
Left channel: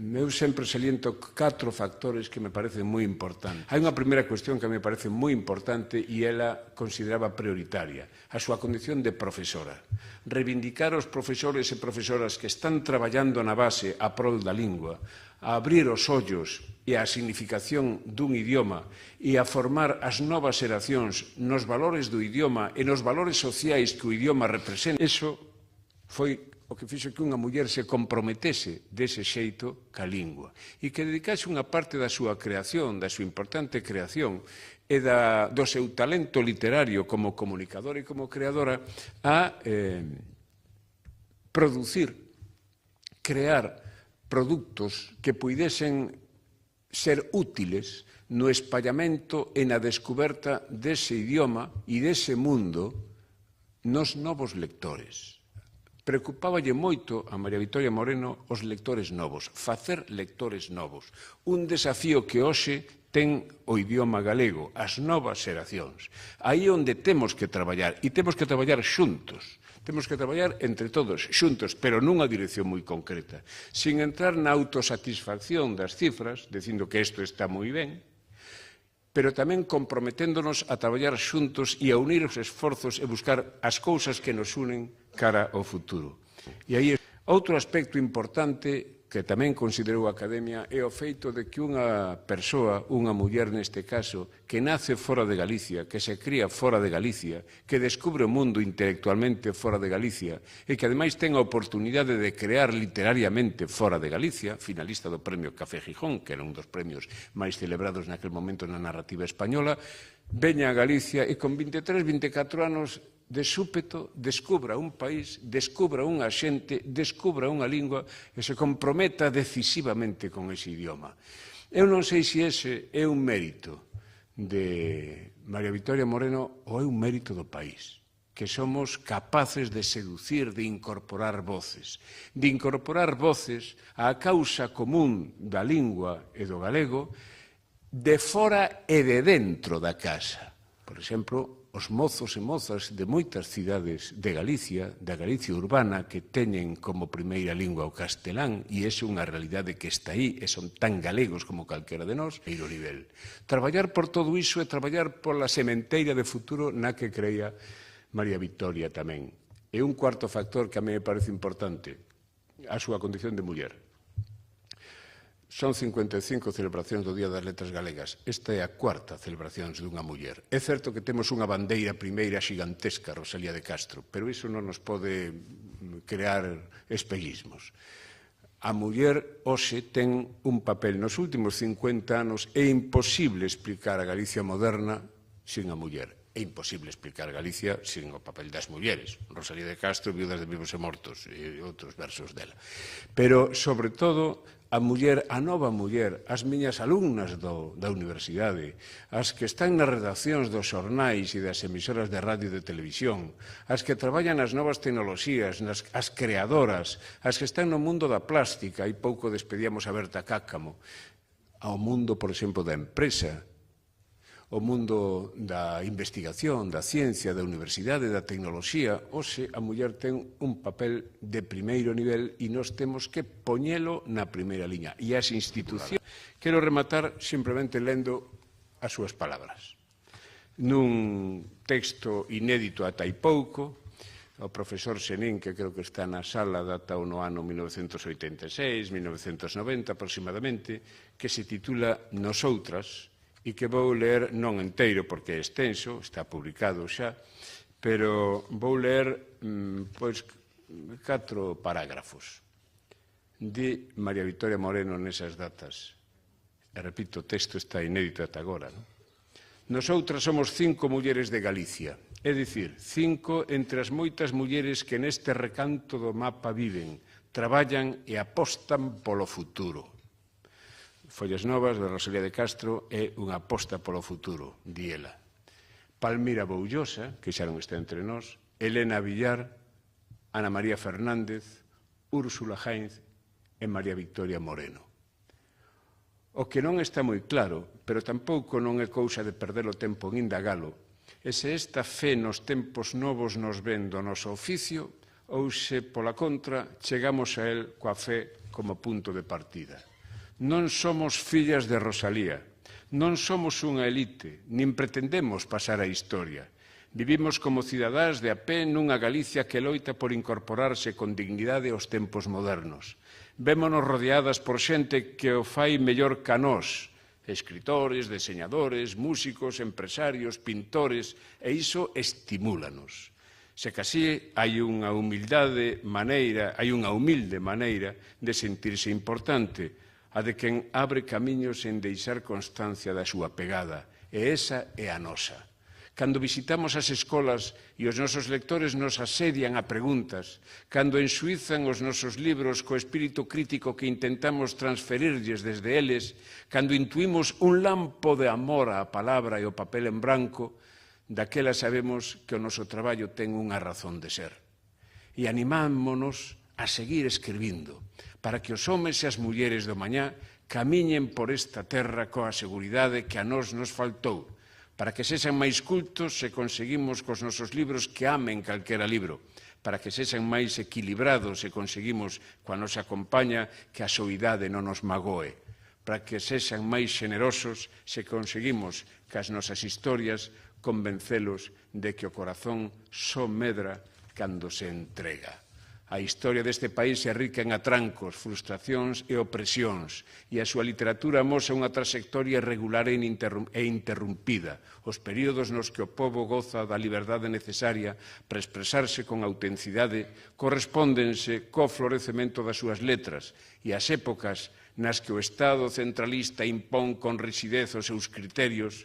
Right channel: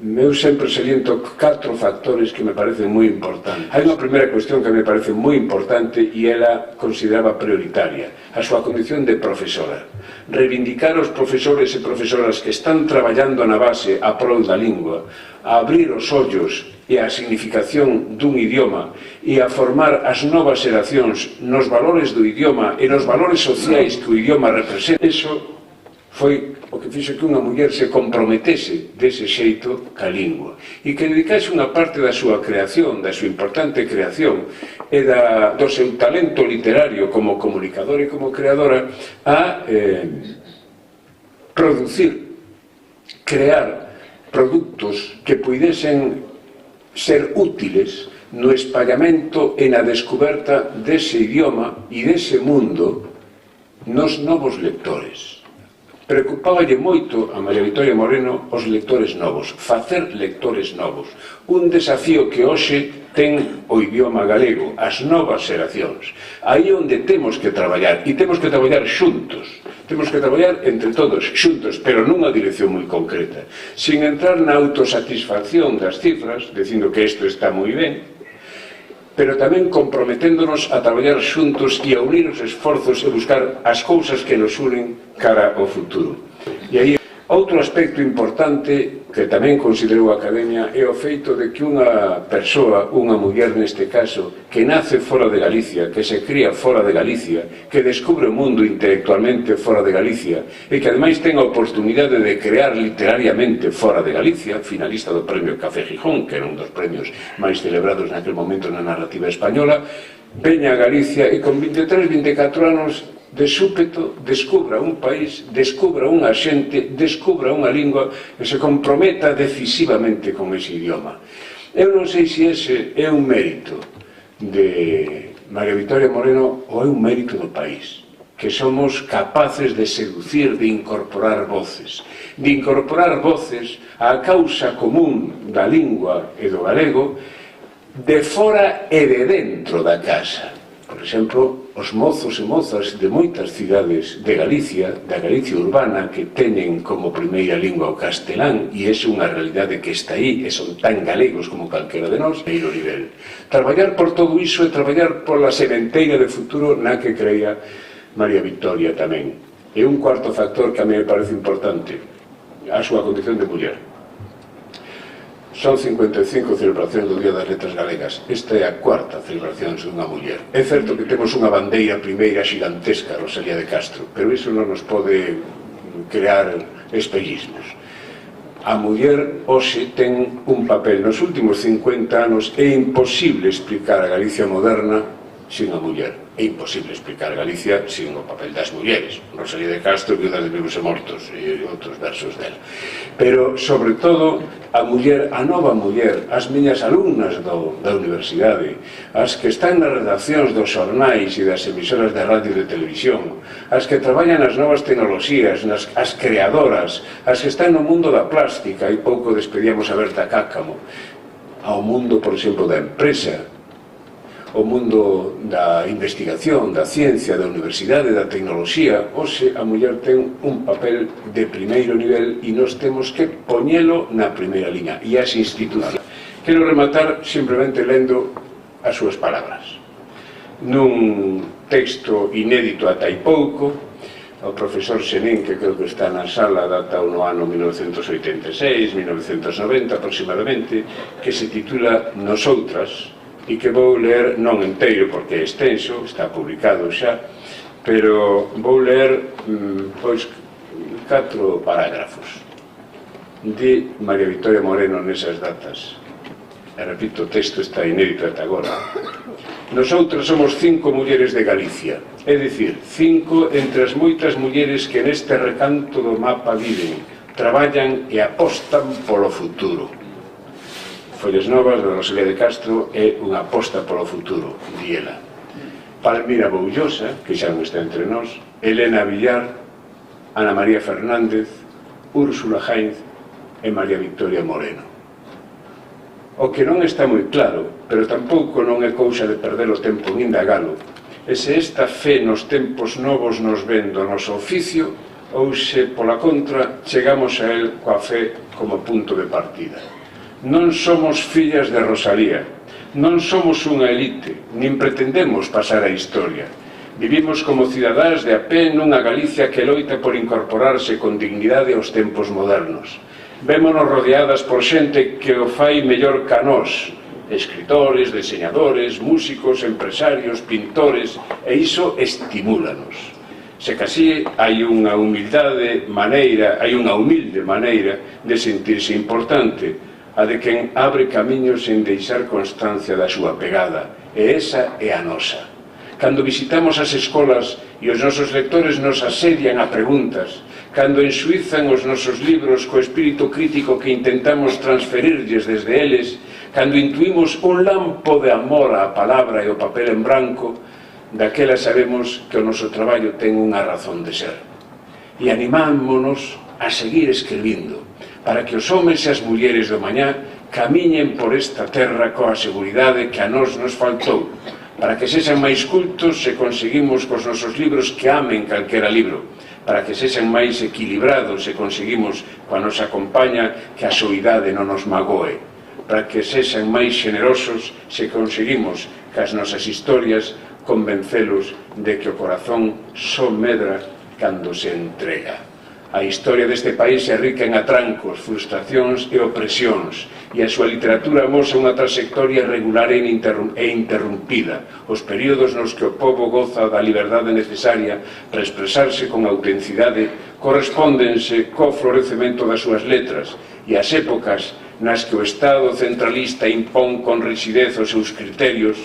eu sempre saliento 4 factores que me parecen moi importantes. Hai unha primeira cuestión que me parece moi importante e ela consideraba prioritaria, a súa condición de profesora. Reivindicar os profesores e profesoras que están traballando na base a prol da lingua, a abrir os ollos e a significación dun idioma e a formar as novas xeracións nos valores do idioma e nos valores sociais que o idioma representa. Eso foi o que fixo que unha muller se comprometese dese xeito ca lingua e que dedicase unha parte da súa creación, da súa importante creación e do seu talento literario como comunicadora e como creadora a producir, crear produtos que puidesen ser útiles no espallamento e na descoberta dese idioma e dese mundo nos novos lectores. Preocupáballe moito a María Vitoria Moreno os lectores novos, facer lectores novos. Un desafío que hoxe ten o idioma galego, as novas xeracións. Aí onde temos que traballar, e temos que traballar xuntos. Temos que traballar entre todos, xuntos, pero nunha dirección moi concreta. Sin entrar na autosatisfacción das cifras, dicindo que isto está moi ben, pero tamén comprometéndonos a traballar xuntos e a unir os esforzos e buscar as cousas que nos unen cara ao futuro. E aí, outro aspecto importante que tamén considerou a Academia é o feito de que unha persoa, unha muller neste caso, que nace fora de Galicia, que se cría fora de Galicia, que descubre o mundo intelectualmente fora de Galicia e que ademais ten a oportunidade de crear literariamente fora de Galicia, finalista do Premio Café Gijón, que era un dos premios máis celebrados naquele momento na narrativa española, veña a Galicia e con 23, 24 anos de súpeto descubra un país, descubra unha xente, descubra unha lingua e se comprometa decisivamente con ese idioma. Eu non sei se ese é un mérito de María Vitoria Moreno ou é un mérito do país, que somos capaces de seducir, de incorporar voces á causa común da lingua e do galego de fora e de dentro da casa. Por exemplo, os mozos e mozas de moitas cidades de Galicia, da Galicia urbana, que teñen como primeira lingua o castelán, e é unha realidade que está aí, e son tan galegos como calquera de nós, primeiro nivel. Traballar por todo iso e traballar pola sementeira de futuro na que creía María Vitoria tamén. E un cuarto factor que a mí me parece importante, a súa condición de muller. Son 55 celebracións do Día das Letras Galegas. Esta é a cuarta celebración dunha muller. É certo que temos unha bandeira primeira xigantesca, Rosalía de Castro, pero iso non nos pode crear espellismos. A muller hoxe ten un papel. Nos últimos 50 anos é imposible explicar a Galicia moderna sin a muller. É imposible explicar Galicia sin o papel das mulleres. Rosalía de Castro, Viuda de Vivos e Mortos, e outros versos dela. Pero, sobre todo, a muller, a nova muller, as miñas alumnas da universidade, as que están nas redaccións dos xornais e das emisoras de radio e de televisión, as que traballan nas novas tecnoloxías, as creadoras, as que están no mundo da plástica, e pouco despedíamos a Berta Cáccamo, ao mundo, por exemplo, da empresa, o mundo da investigación, da ciencia, da universidade, da tecnoloxía. Hoxe a muller ten un papel de primeiro nivel e nós temos que poñelo na primeira liña. E as institucións. Quero rematar simplemente lendo as súas palabras. Nun texto inédito ata hai pouco, o profesor Senín, que creo que está na sala, data no ano 1986, 1990 aproximadamente, que se titula Nosoutras, e que vou ler non enteiro porque é extenso, está publicado xa, pero vou ler pois 4 parágrafos de María Vitoria Moreno nesas datas. E repito, o texto está inédito ata agora. Nosoutros somos 5 mulleres de Galicia, é dicir, 5 entre as moitas mulleres que neste recanto do mapa viven, traballan e apostan polo futuro. Follas Novas de Rosalía de Castro é unha aposta polo futuro, di ela. Palmira Boullosa, que xa non está entre nós, Elena Villar, Ana María Fernández, Úrsula Jainz e María Vitoria Moreno. O que non está moi claro, pero tampouco non é cousa de perder o tempo en indagalo, é se esta fe nos tempos novos nos ven do noso oficio ou se, pola contra, chegamos a el coa fe como punto de partida. Non somos fillas de Rosalía, non somos unha elite, nin pretendemos pasar a historia. Vivimos como cidadáns de a pé nunha Galicia que loita por incorporarse con dignidade aos tempos modernos. Vémonos rodeadas por xente que o fai mellor ca nós, escritores, deseñadores, músicos, empresarios, pintores, e iso estimúlanos. Se casi hai unha humilde maneira de sentirse importante, a de quen abre camiños sen deixar constancia da súa pegada, e esa é a nosa. Cando visitamos as escolas e os nosos lectores nos asedian a preguntas, cando ensuizan os nosos libros co espírito crítico que intentamos transferirlles desde eles, cando intuimos un lampo de amor á palabra e ao papel en branco, daquela sabemos que o noso traballo ten unha razón de ser. E animámonos a seguir escribindo, para que os homes e as mulleres do mañá camiñen por esta terra coa seguridade que a nós nos faltou, para que sexan máis cultos se conseguimos cos nosos libros que amen calquera libro, para que sexan máis equilibrados se conseguimos coa nosa compaña que a soidade non nos magoe, para que sexan máis generosos se conseguimos que as nosas historias convencelos de que o corazón só medra cando se entrega. A historia deste país é rica en atrancos, frustracións e opresións, e a súa literatura amosa unha trayectoria regular e interrumpida, os períodos nos que o povo goza da liberdade necesaria para expresarse con autenticidade correspóndense co florecemento das súas letras, e as épocas nas que o Estado centralista impón con rigidez os seus criterios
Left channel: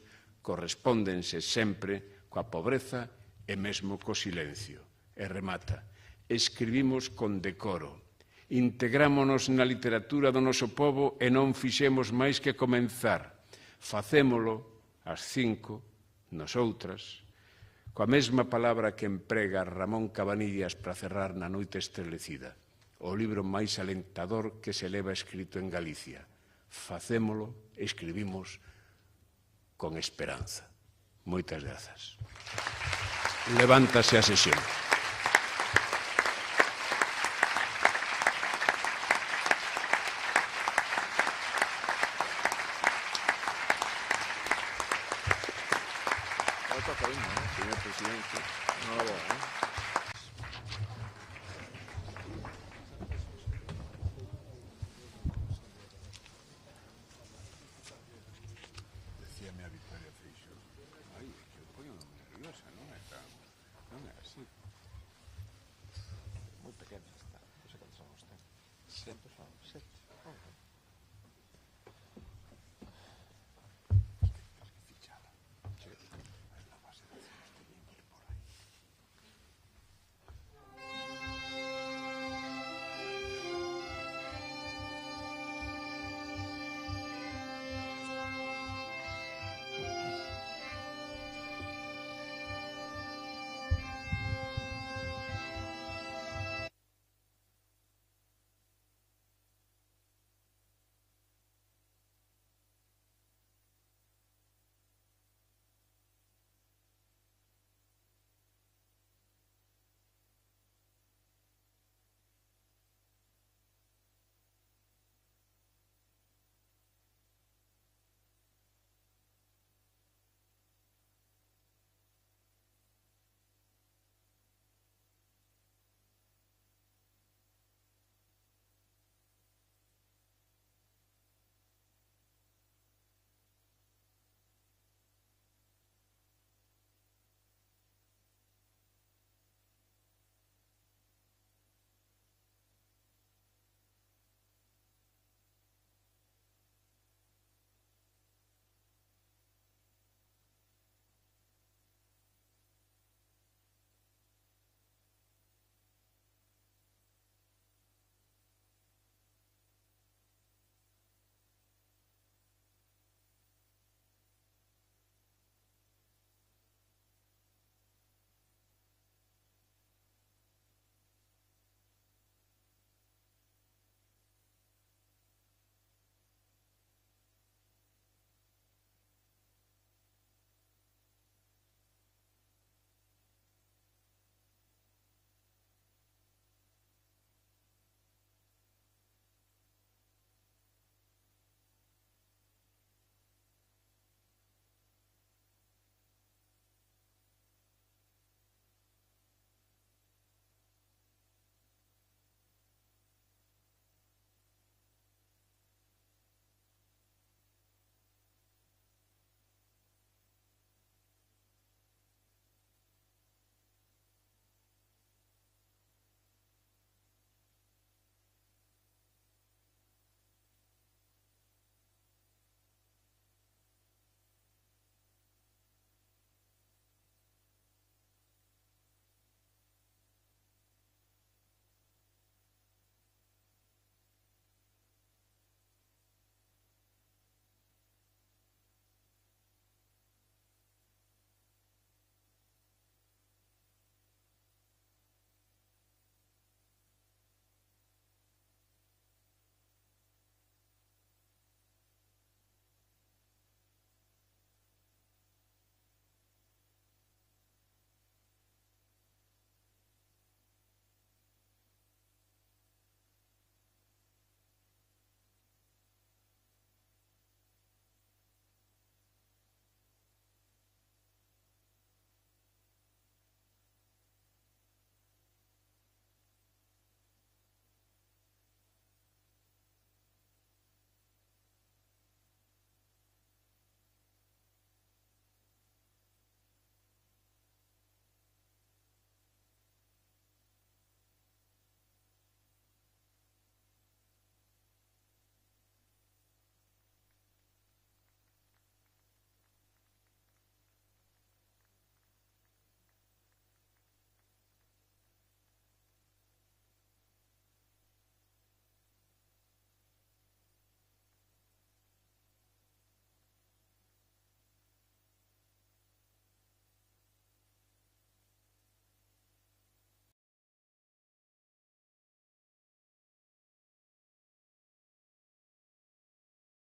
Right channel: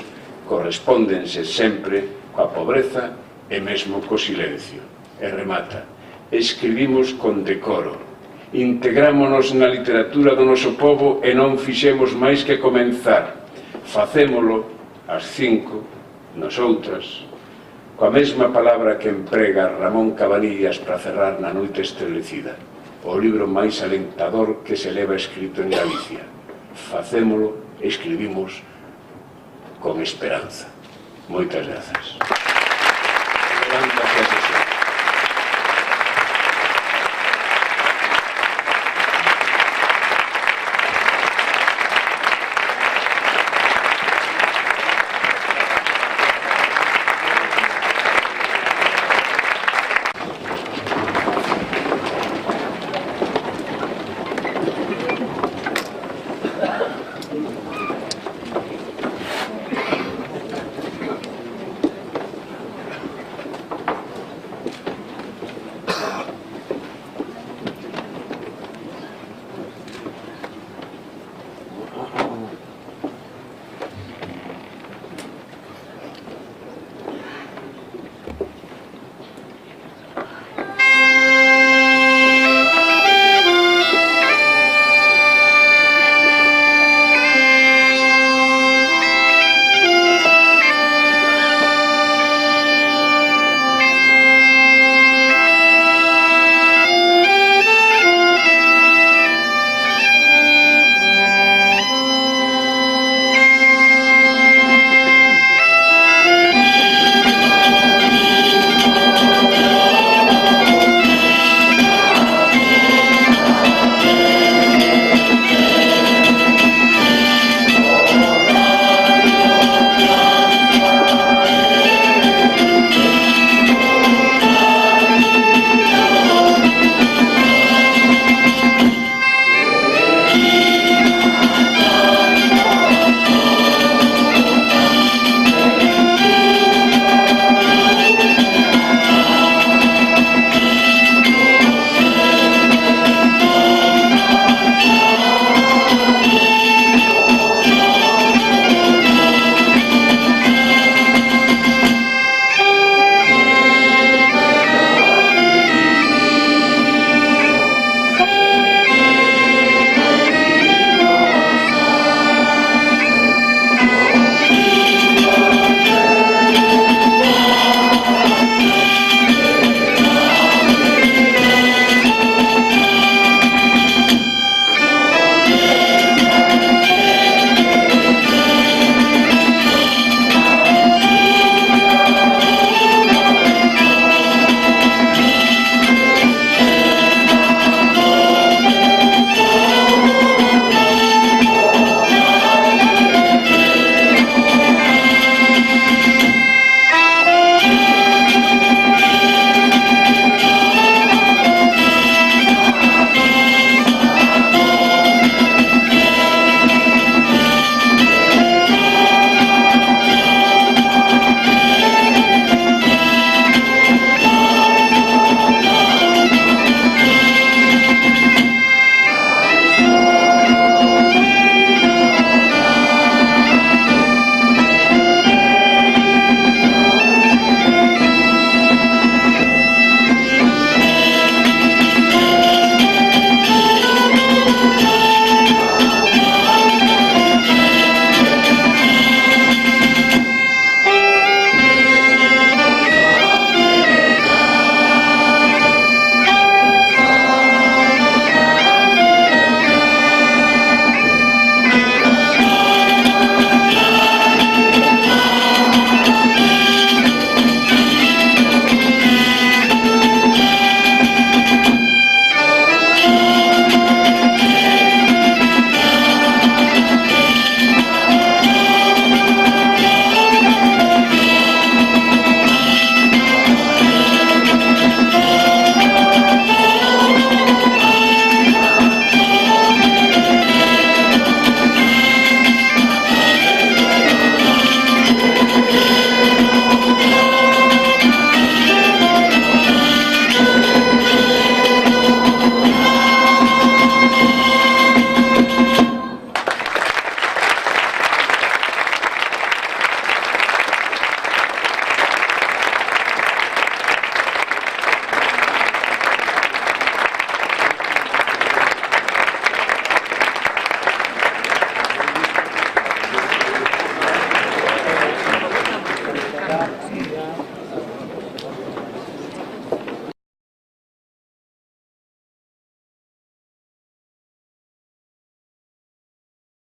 correspóndense sempre coa pobreza e mesmo co silencio. E remata: escribimos con decoro, integrámonos na literatura do noso povo e non fixemos máis que comenzar. Facémolo ás 5, nosoutras, coa mesma palabra que emprega Ramón Cabanillas para cerrar Na noite estrelecida, o libro máis alentador que se leva escrito en Galicia. Facémolo, escribimos con esperanza. Moitas grazas. Levántase a sesión.